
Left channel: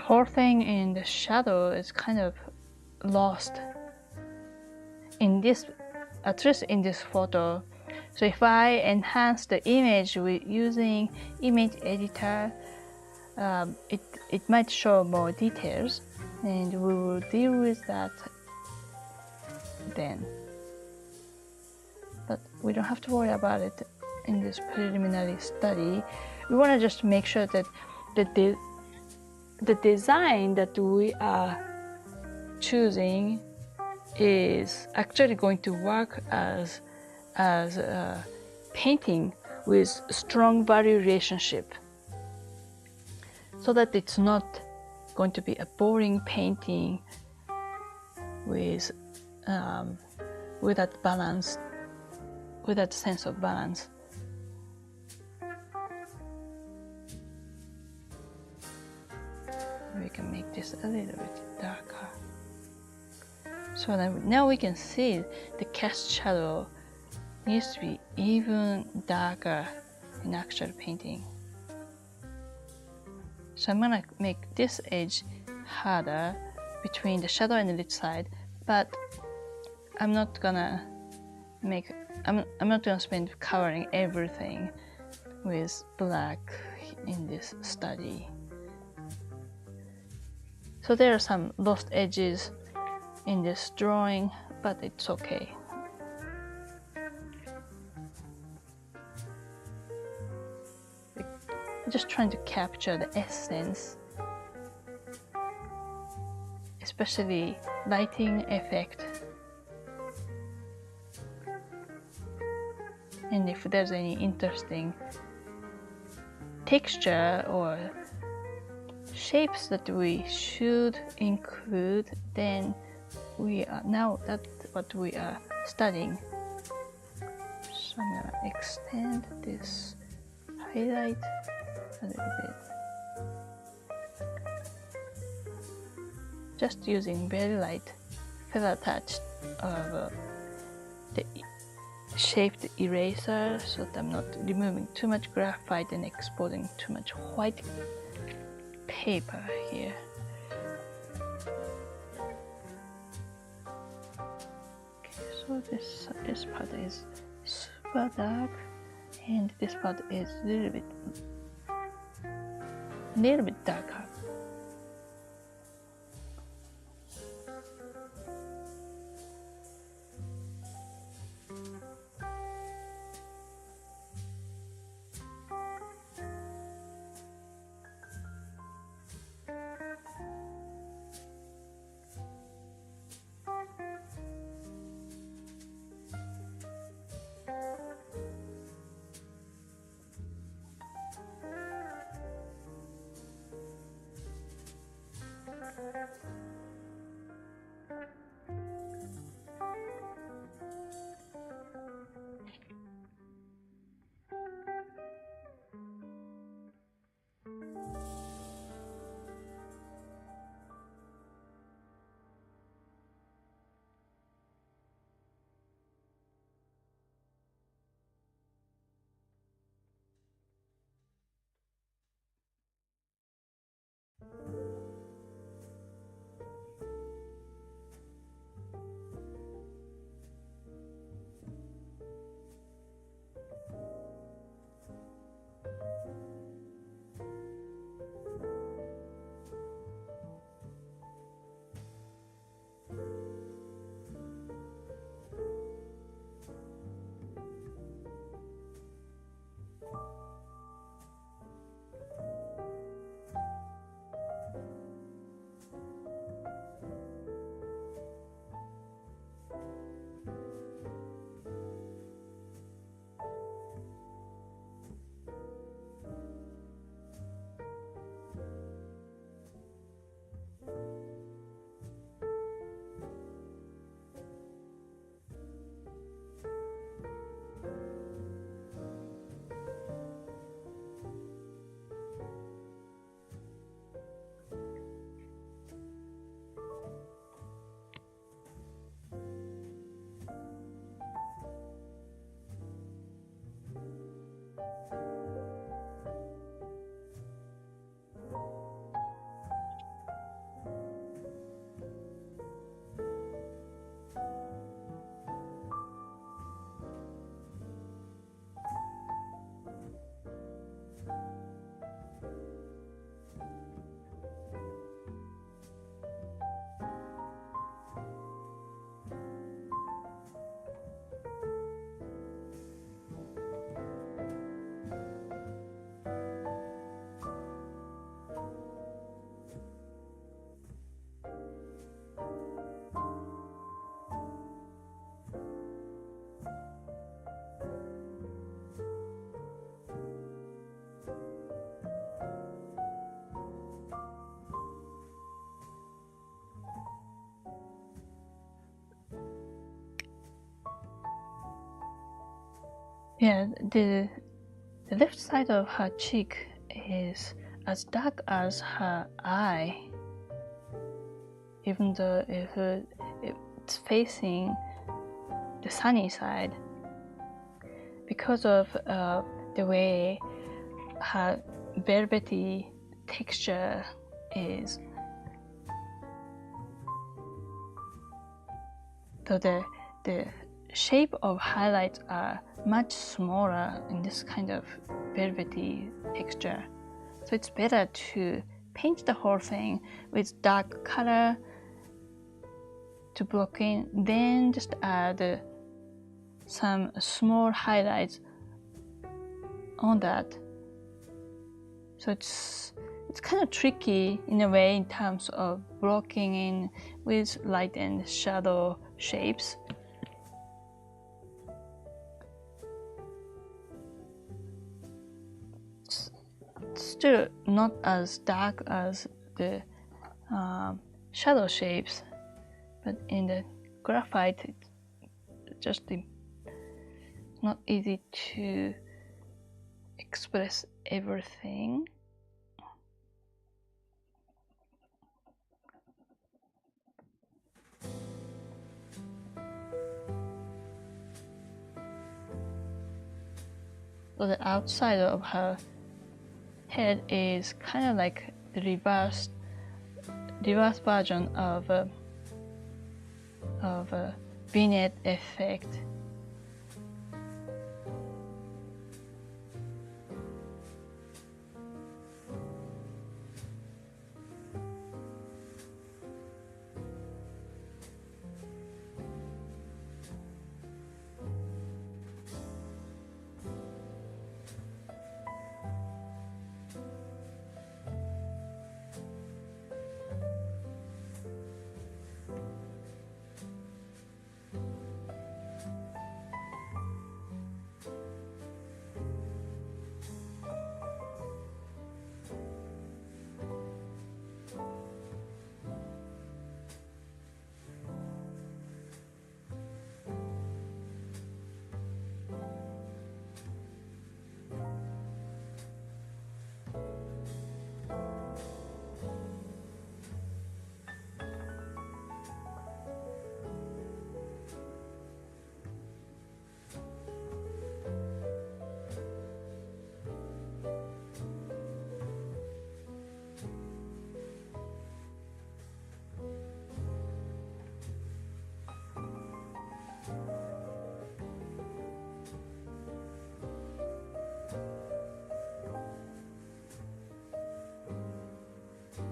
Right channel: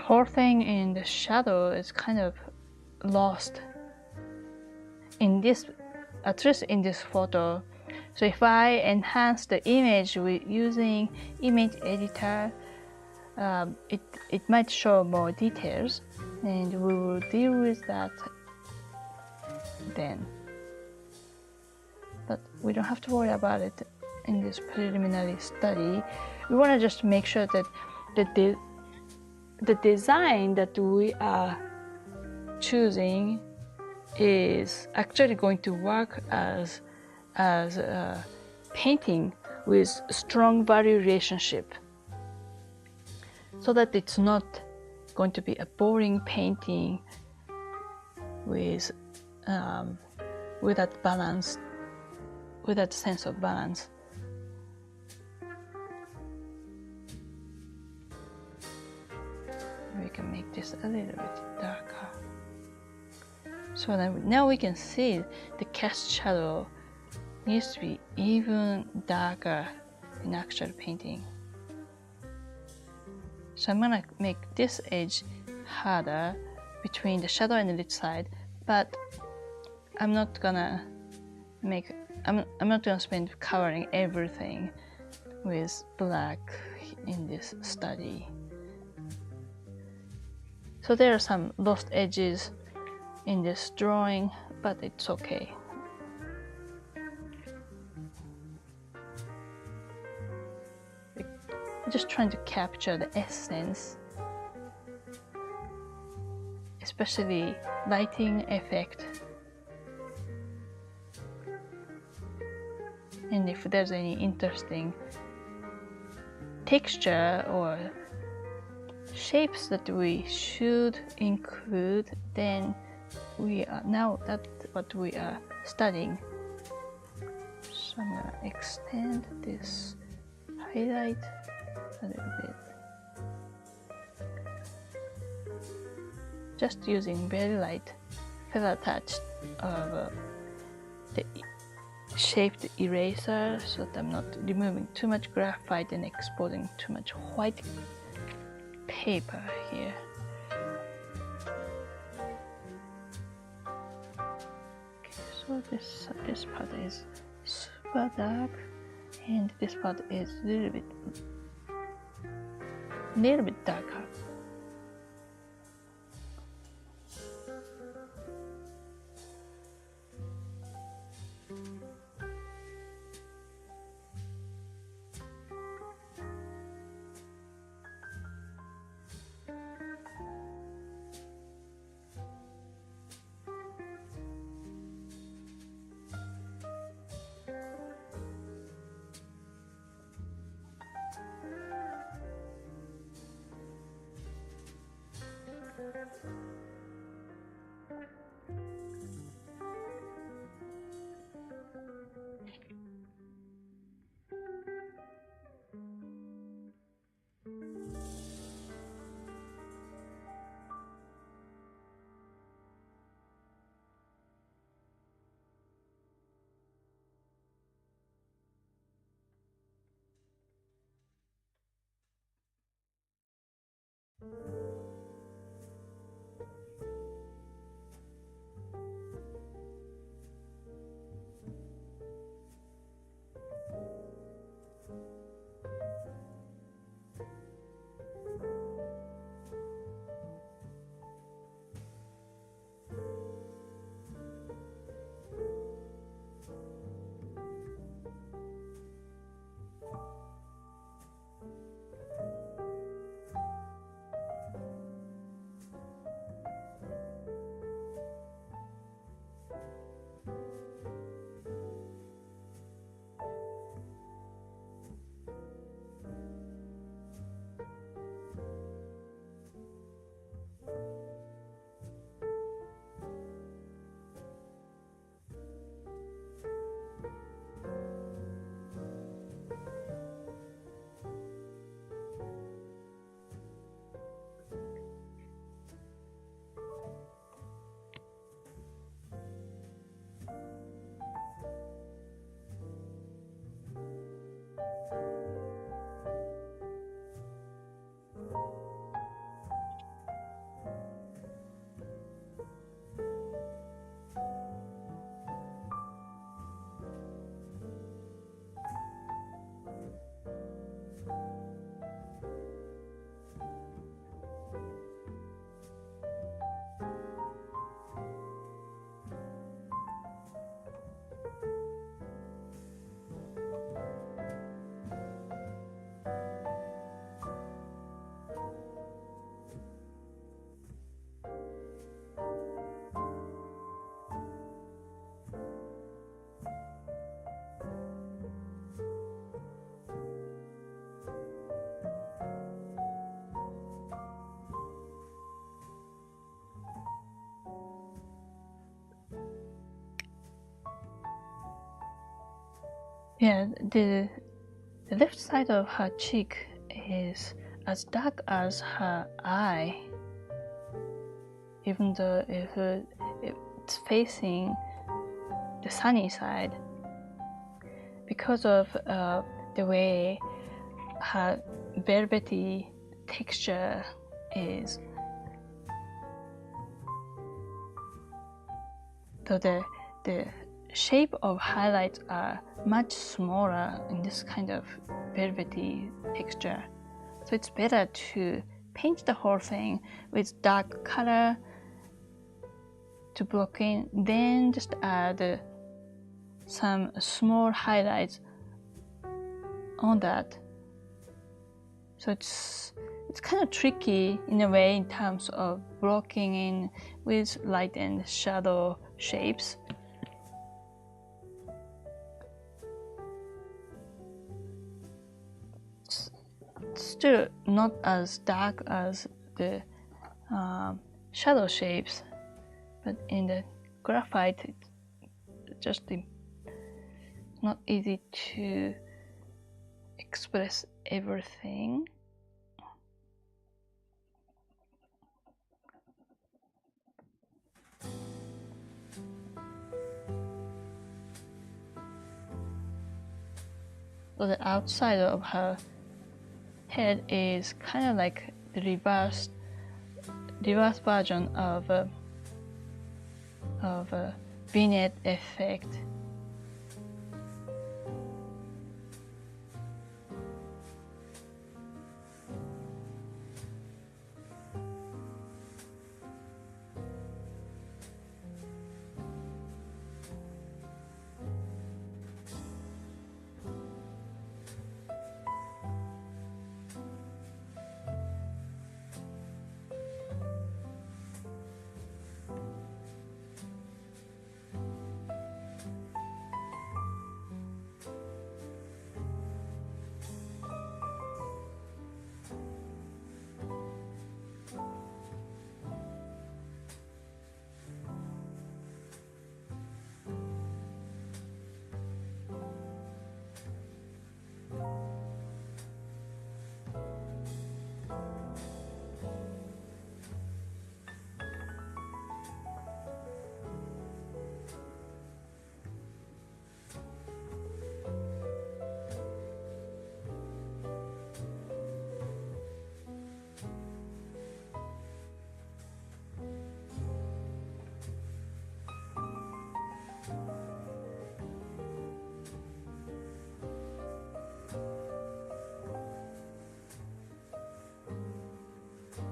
the whole thing in the shadow is kind of lost in this, at least in this photo. So if I enhance the image with using image editor, it might show more details, and we will deal with that then. But we don't have to worry about it in this preliminary study. We want to just make sure that the design that we are choosing is actually going to work as painting with strong value relationship, so that it's not going to be a boring painting with that balance, with that sense of balance. We can make this a little bit darker. So now we can see the cast shadow needs to be even darker in actual painting. So I'm gonna make this edge harder between the shadow and the lit side, but I'm not gonna spend covering everything with black in this study. So there are some lost edges in this drawing, but it's okay. I'm just trying to capture the essence, especially lighting effect. And if there's any interesting texture or shapes that we should include, then that's what we are studying. So I'm gonna extend this highlight a little bit, just using very light feather touch of the shaped eraser, so that I'm not removing too much graphite and exposing too much white paper here. Okay, so this part is super dark, and this part is a little bit darker. Yeah, the left side of her cheek is as dark as her eye, even though if it's facing the sunny side, because of the way her velvety texture is. So the shape of highlights are much smaller in this kind of velvety texture. So it's better to paint the whole thing with dark color to block in, then just add some small highlights on that. So it's kind of tricky in a way in terms of blocking in with light and shadow shapes. It's still not as dark as the shadow shapes, but in the graphite it's just not easy to express everything. So the outside of her head is kind of like the reverse version of a vignette effect.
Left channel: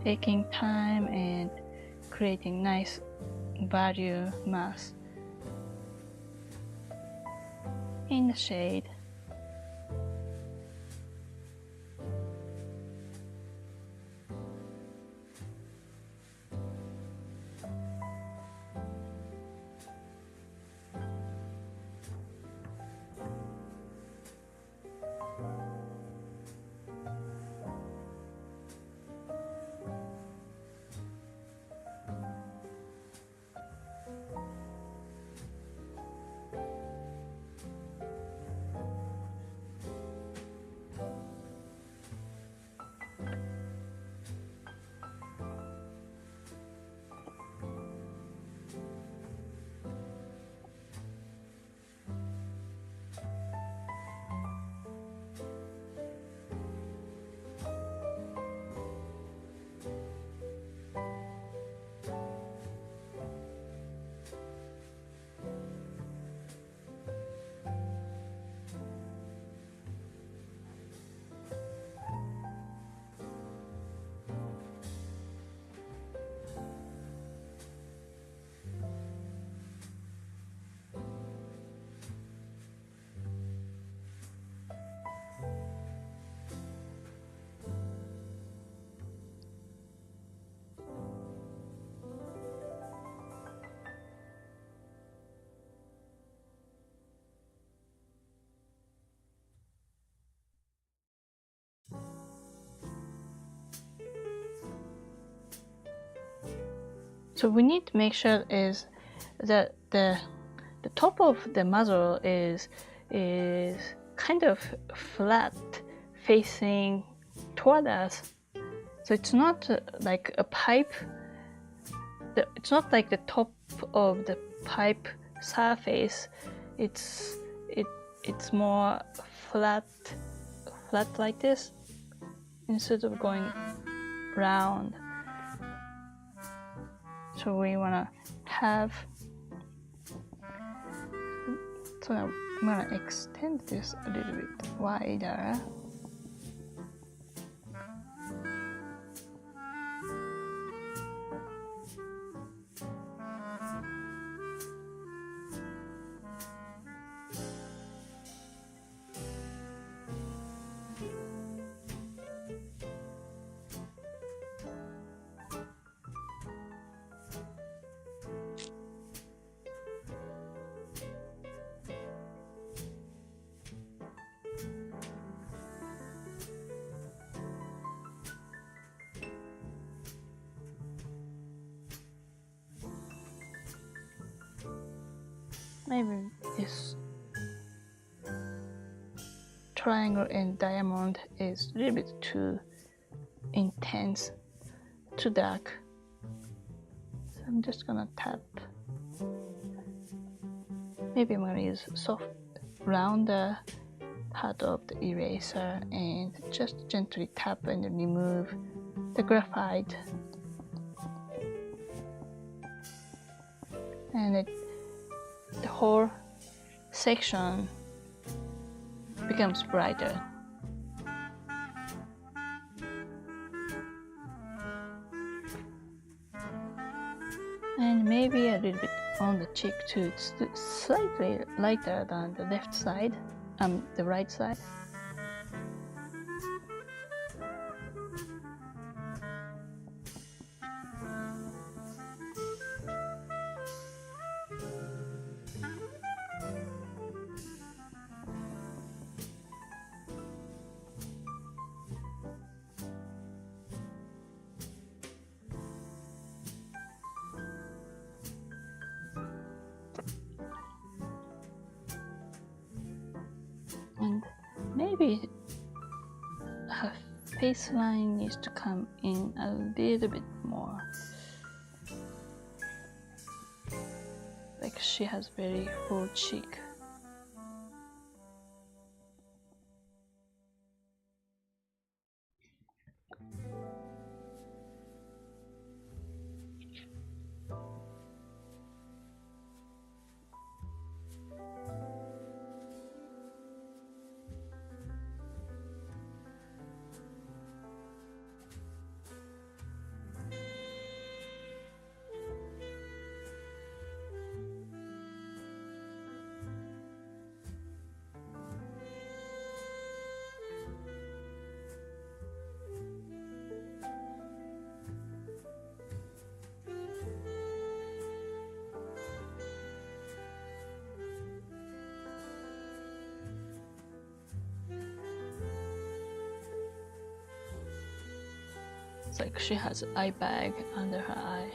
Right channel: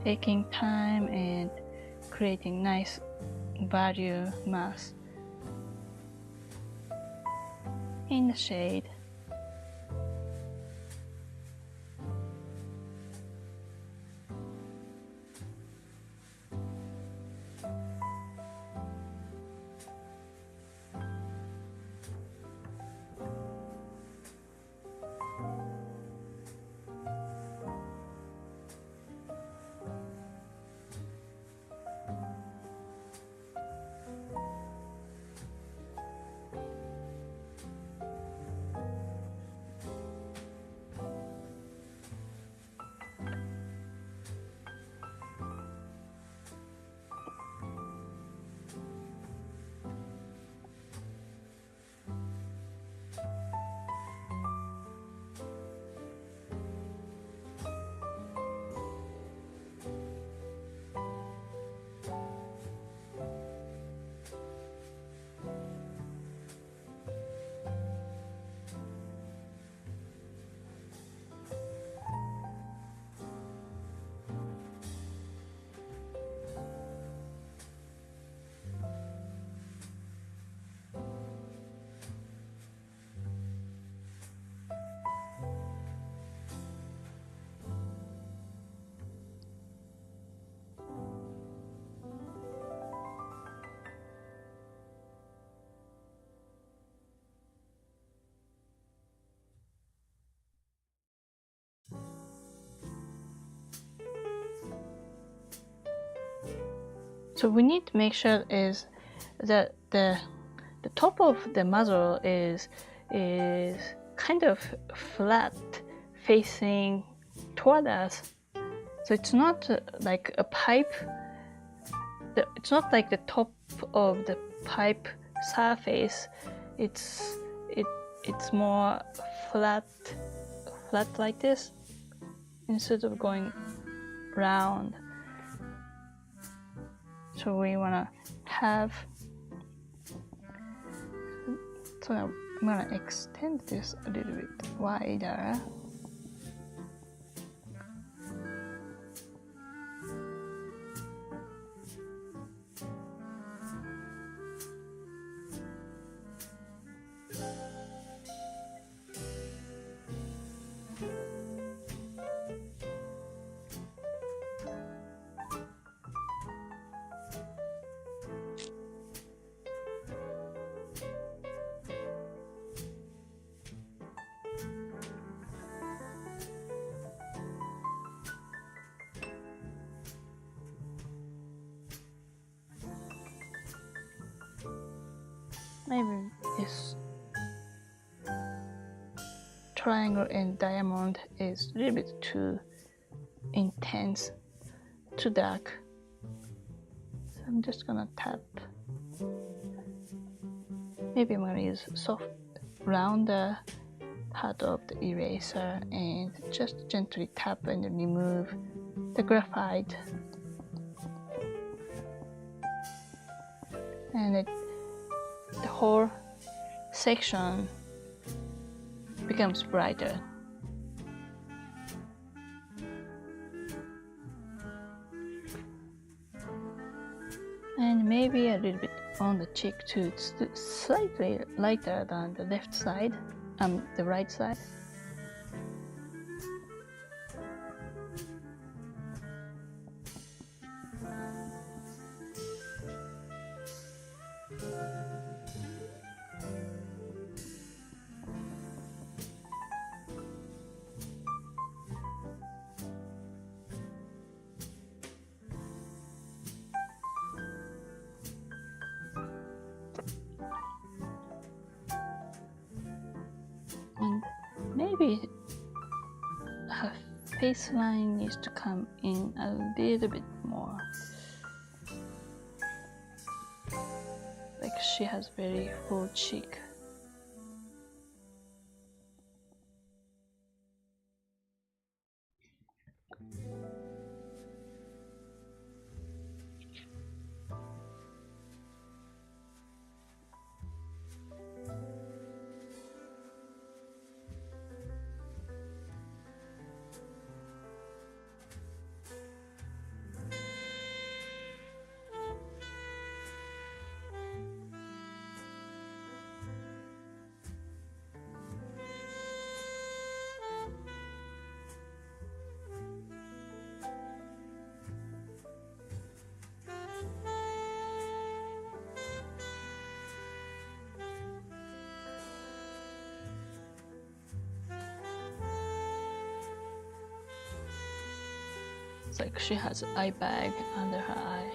Taking time and creating nice value mass in the shade. So we need to make sure is that the top of the muzzle is kind of flat facing toward us. So it's not like a pipe. It's not like the top of the pipe surface. It's more flat like this instead of going round. So we wanna have. So I'm gonna extend this a little bit wider. Maybe this triangle and diamond is a little bit too intense, too dark. So I'm just gonna tap. Maybe I'm gonna use soft rounder part of the eraser and just gently tap and remove the graphite. And the whole section becomes brighter. And maybe a little bit on the cheek too. It's slightly lighter than the left side, the right side. And maybe her face line needs to come in a little bit more. Like she has very full cheek. It's like she has an eye bag under her eye.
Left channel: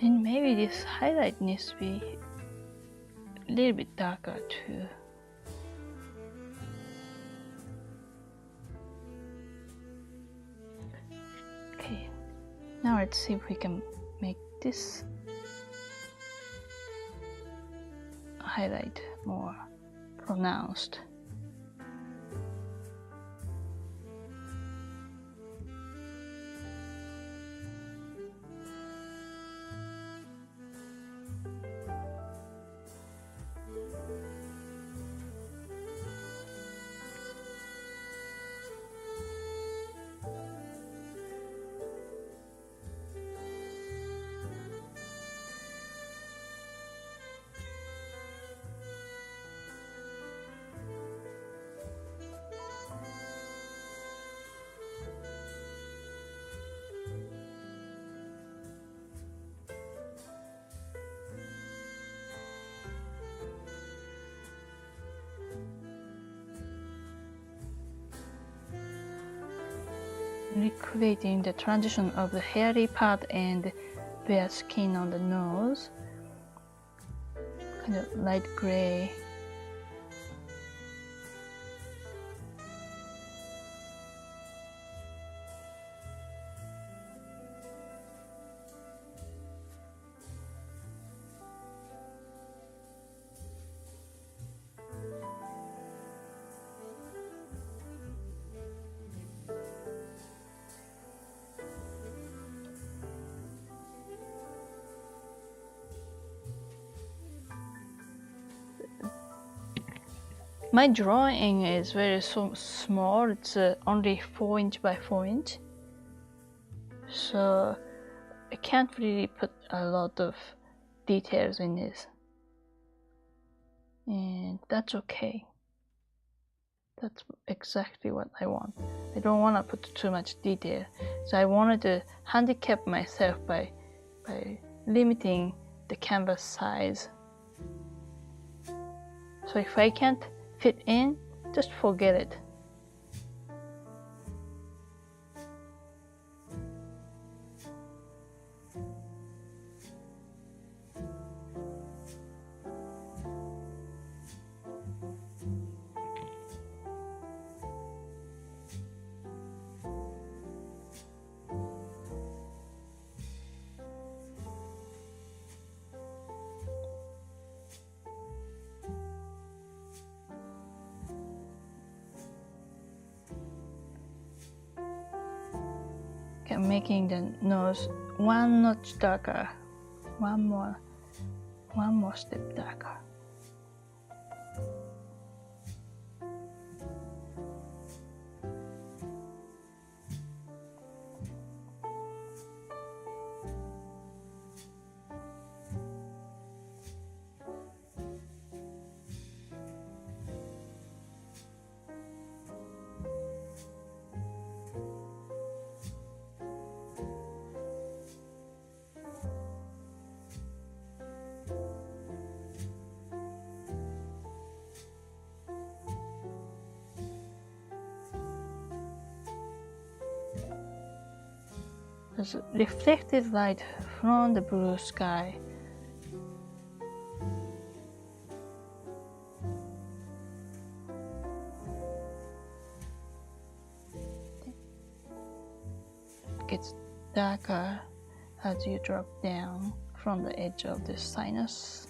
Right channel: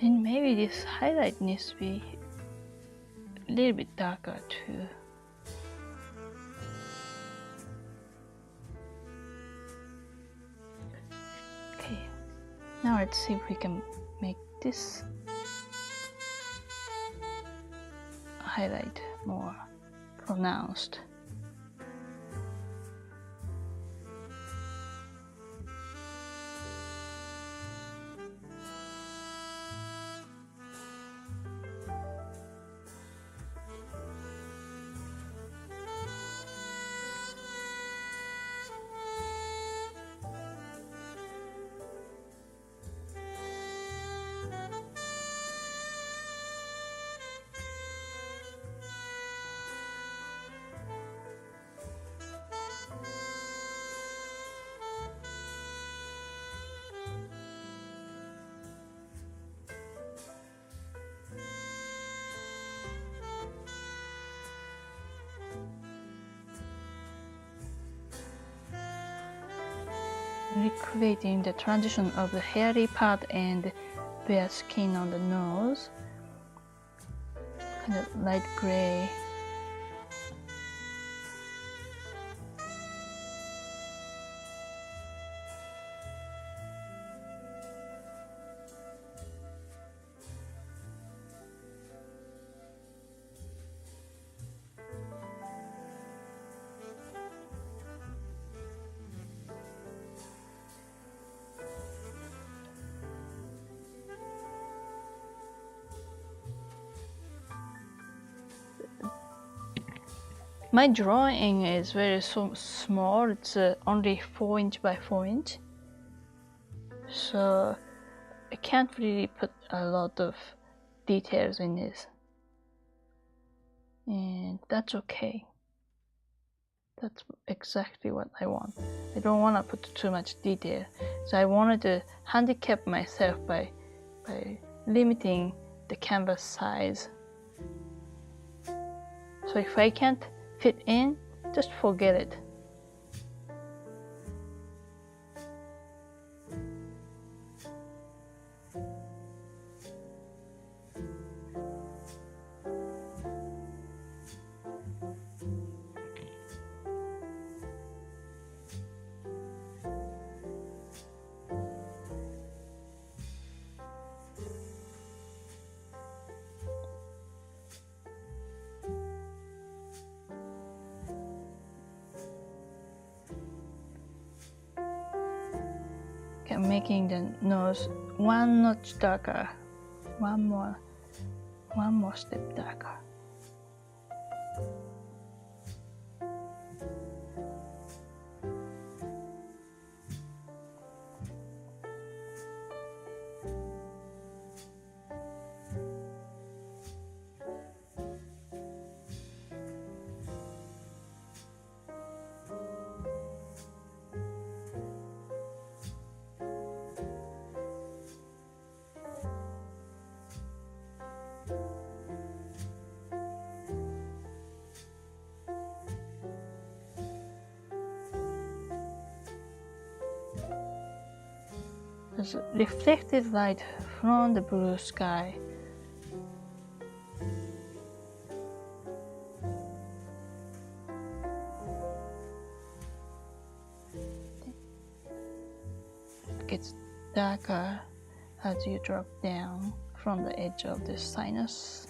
And maybe this highlight needs to be a little bit darker too. Okay, now let's see if we can make this highlight more pronounced. Recreating the transition of the hairy part and bare skin on the nose, kind of light gray. My drawing is very small, it's only 4 inch by 4 inch, so I can't really put a lot of details in this, and that's okay. That's exactly what I want. I don't want to put too much detail, so I wanted to handicap myself by limiting the canvas size. So if I can't fit in, just forget it. I'm making the nose 1 notch darker, one more step darker. There's reflected light from the blue sky. It gets darker as you drop down from the edge of the sinus.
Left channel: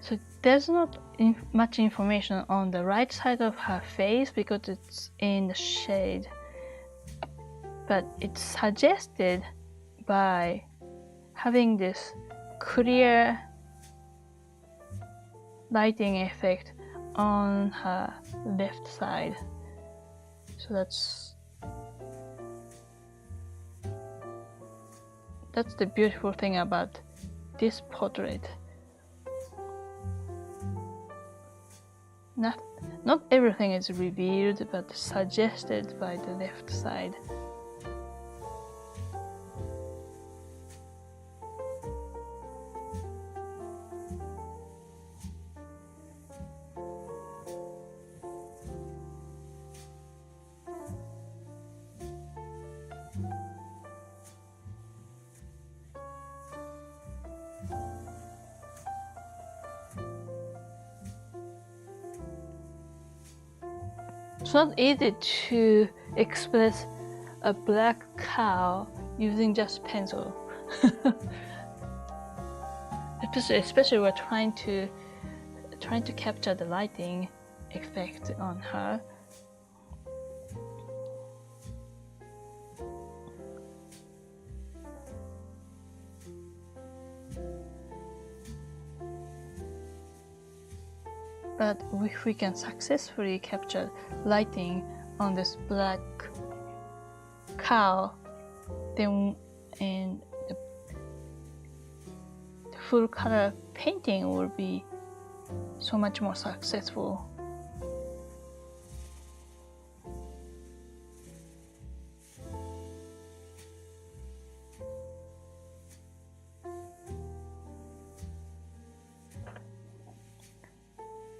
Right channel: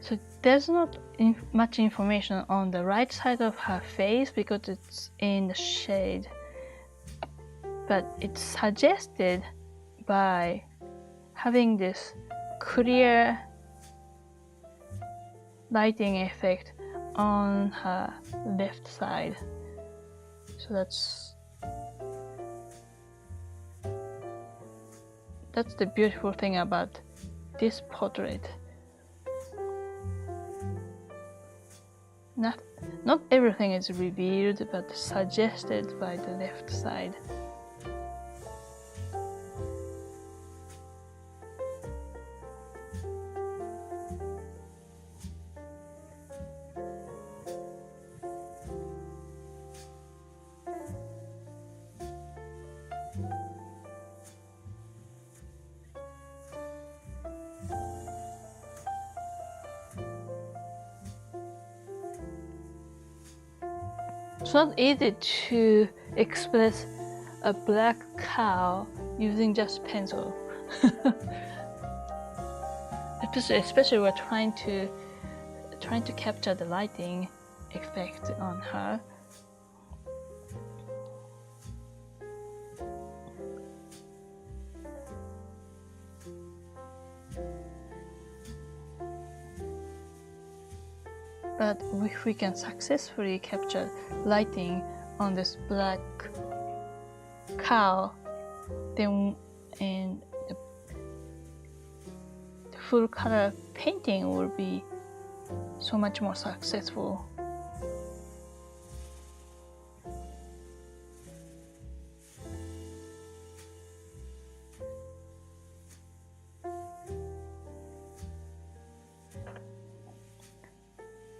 So there's not much information on the right side of her face because it's in the shade, but it's suggested by having this clear lighting effect on her left side. So that's the beautiful thing about this portrait. not everything is revealed, but suggested by the left side. It's not easy to express a black cow using just pencil. especially we're trying to capture the lighting effect on her. But if we can successfully capture lighting on this black cow, then the full color painting will be so much more successful.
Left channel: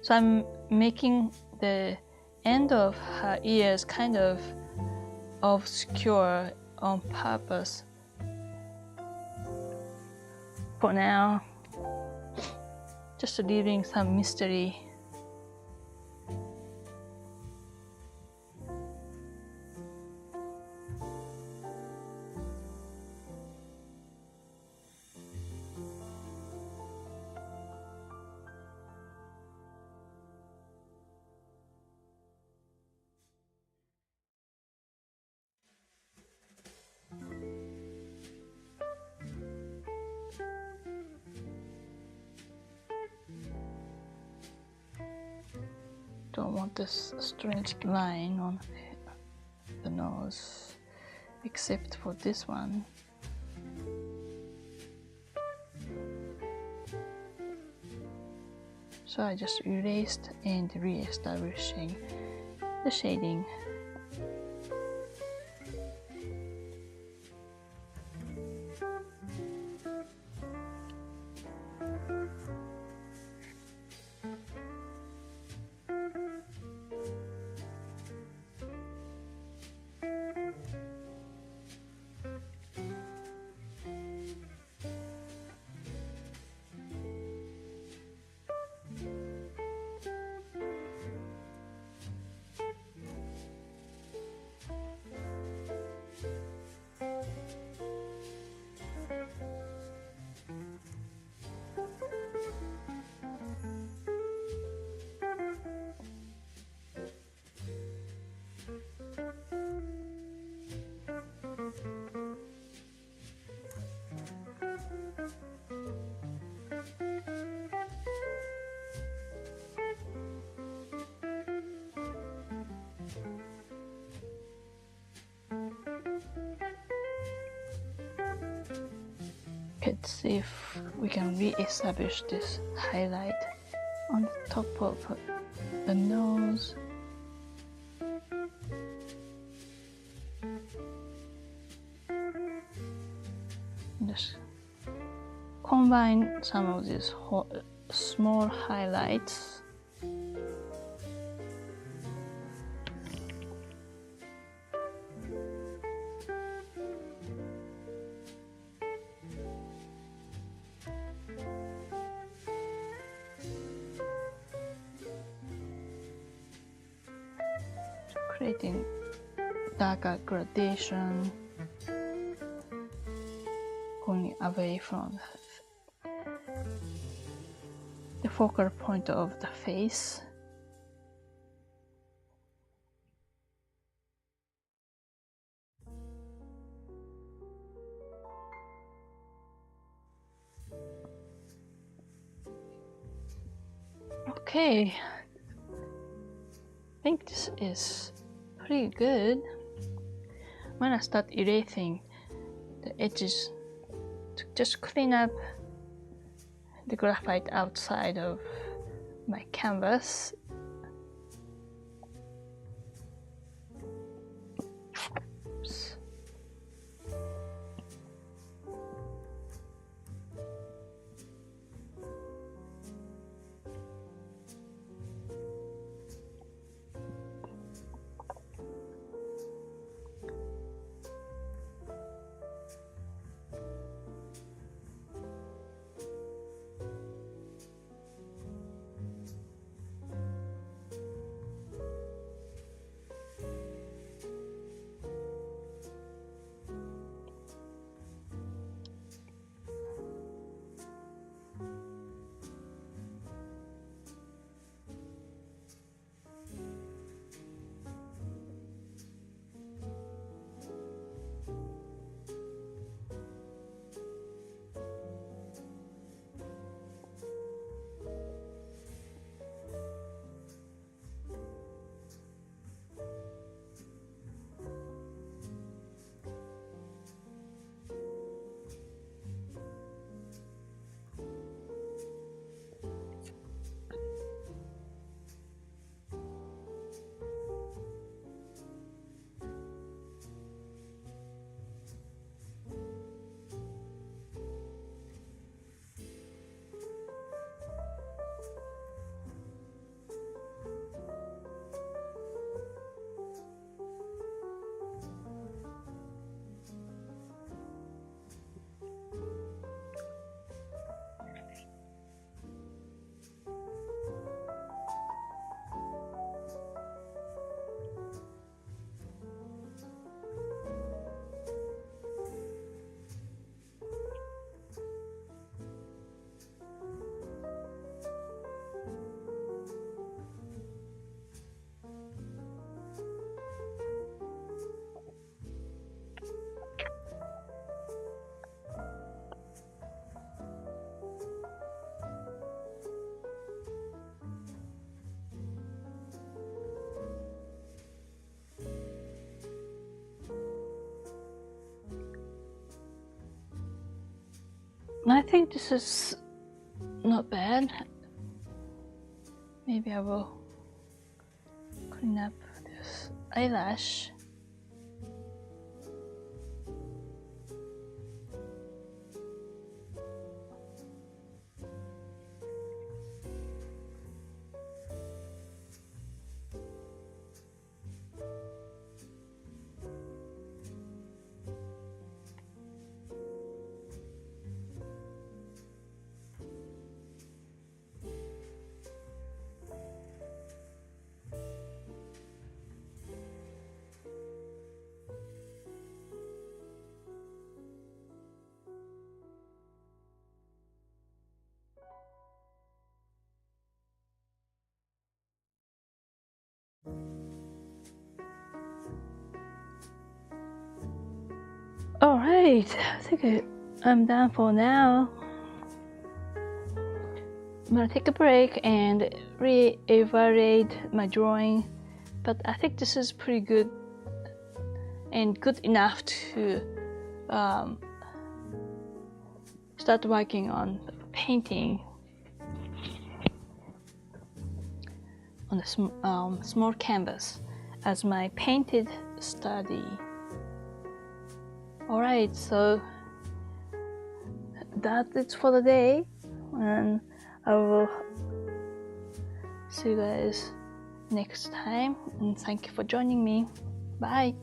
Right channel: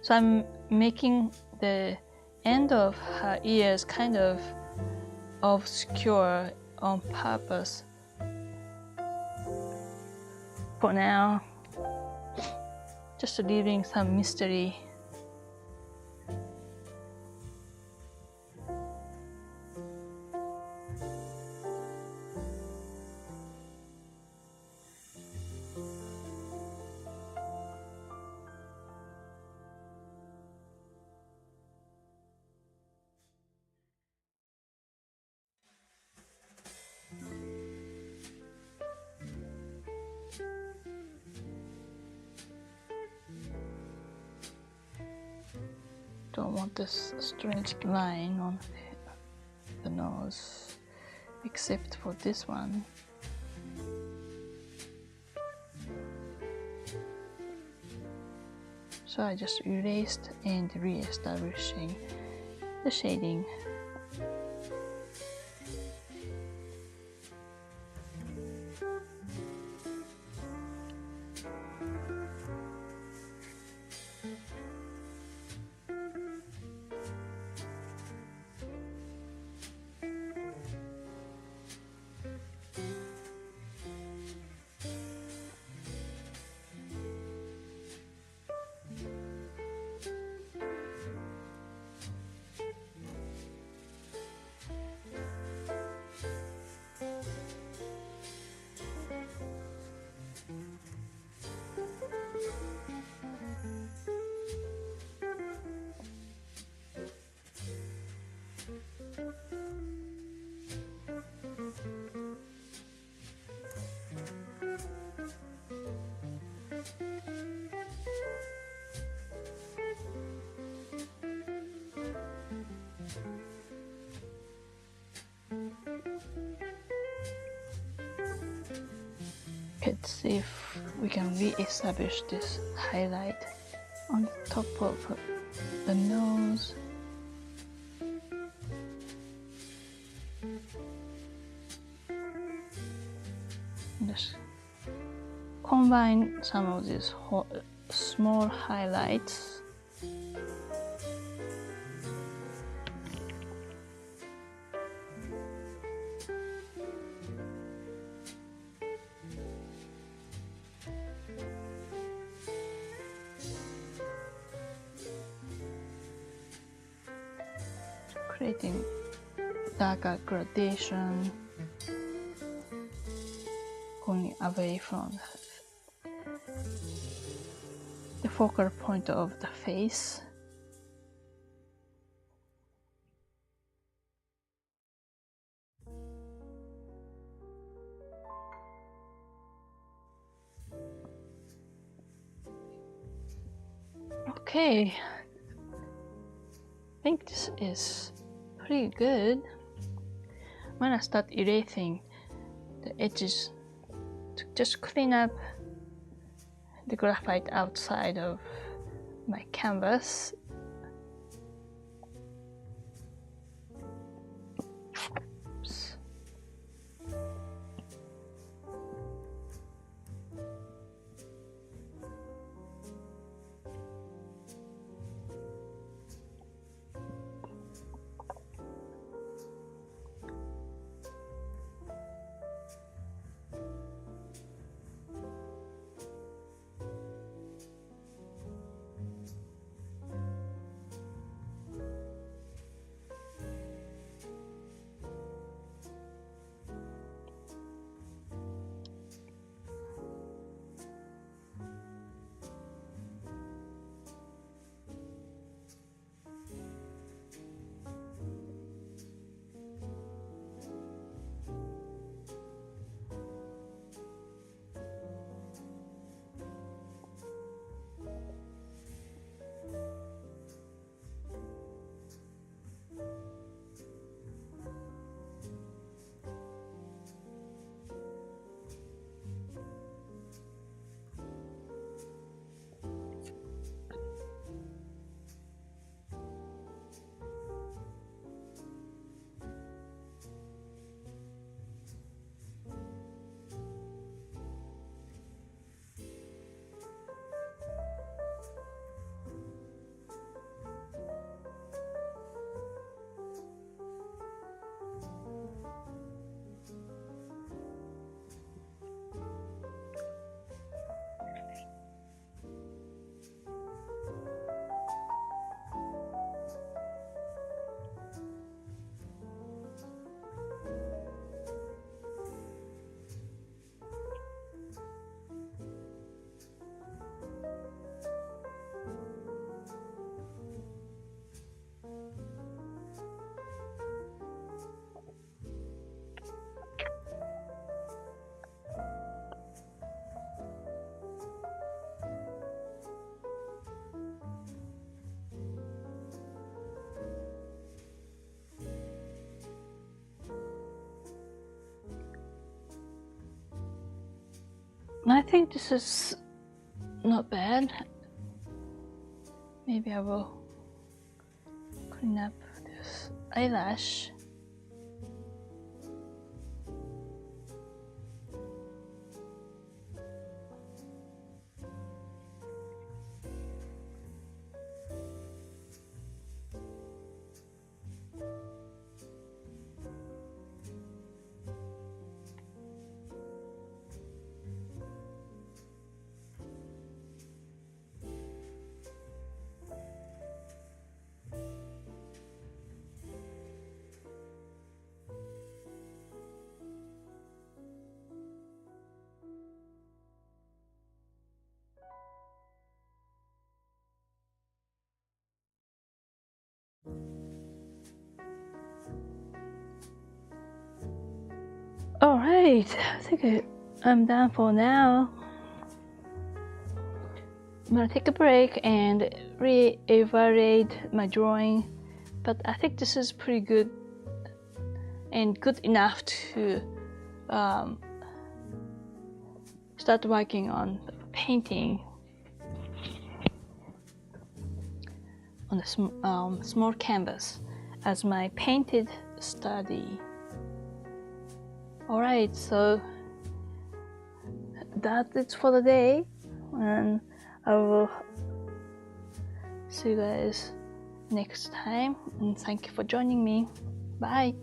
So I'm making the end of her ears kind of obscure on purpose. For now, just leaving some mystery. Don't want this strange line on the nose, except for this one. So I just erased and re-establishing the shading. Let's see if we can re-establish this highlight on the top of the nose. Just combine some of these small highlights. Creating darker gradation, going away from the focal point of the face. Okay, I think this is pretty good. I'm gonna start erasing the edges to just clean up the graphite outside of my canvas. I think this is not bad. Maybe I will clean up this eyelash. Alright, I think I'm done for now. I'm gonna take a break and re-evaluate my drawing, but I think this is pretty good and good enough to start working on painting on a small canvas as my painted study. Alright, so that's it for the day, and I will see you guys next time, and thank you for joining me. Bye.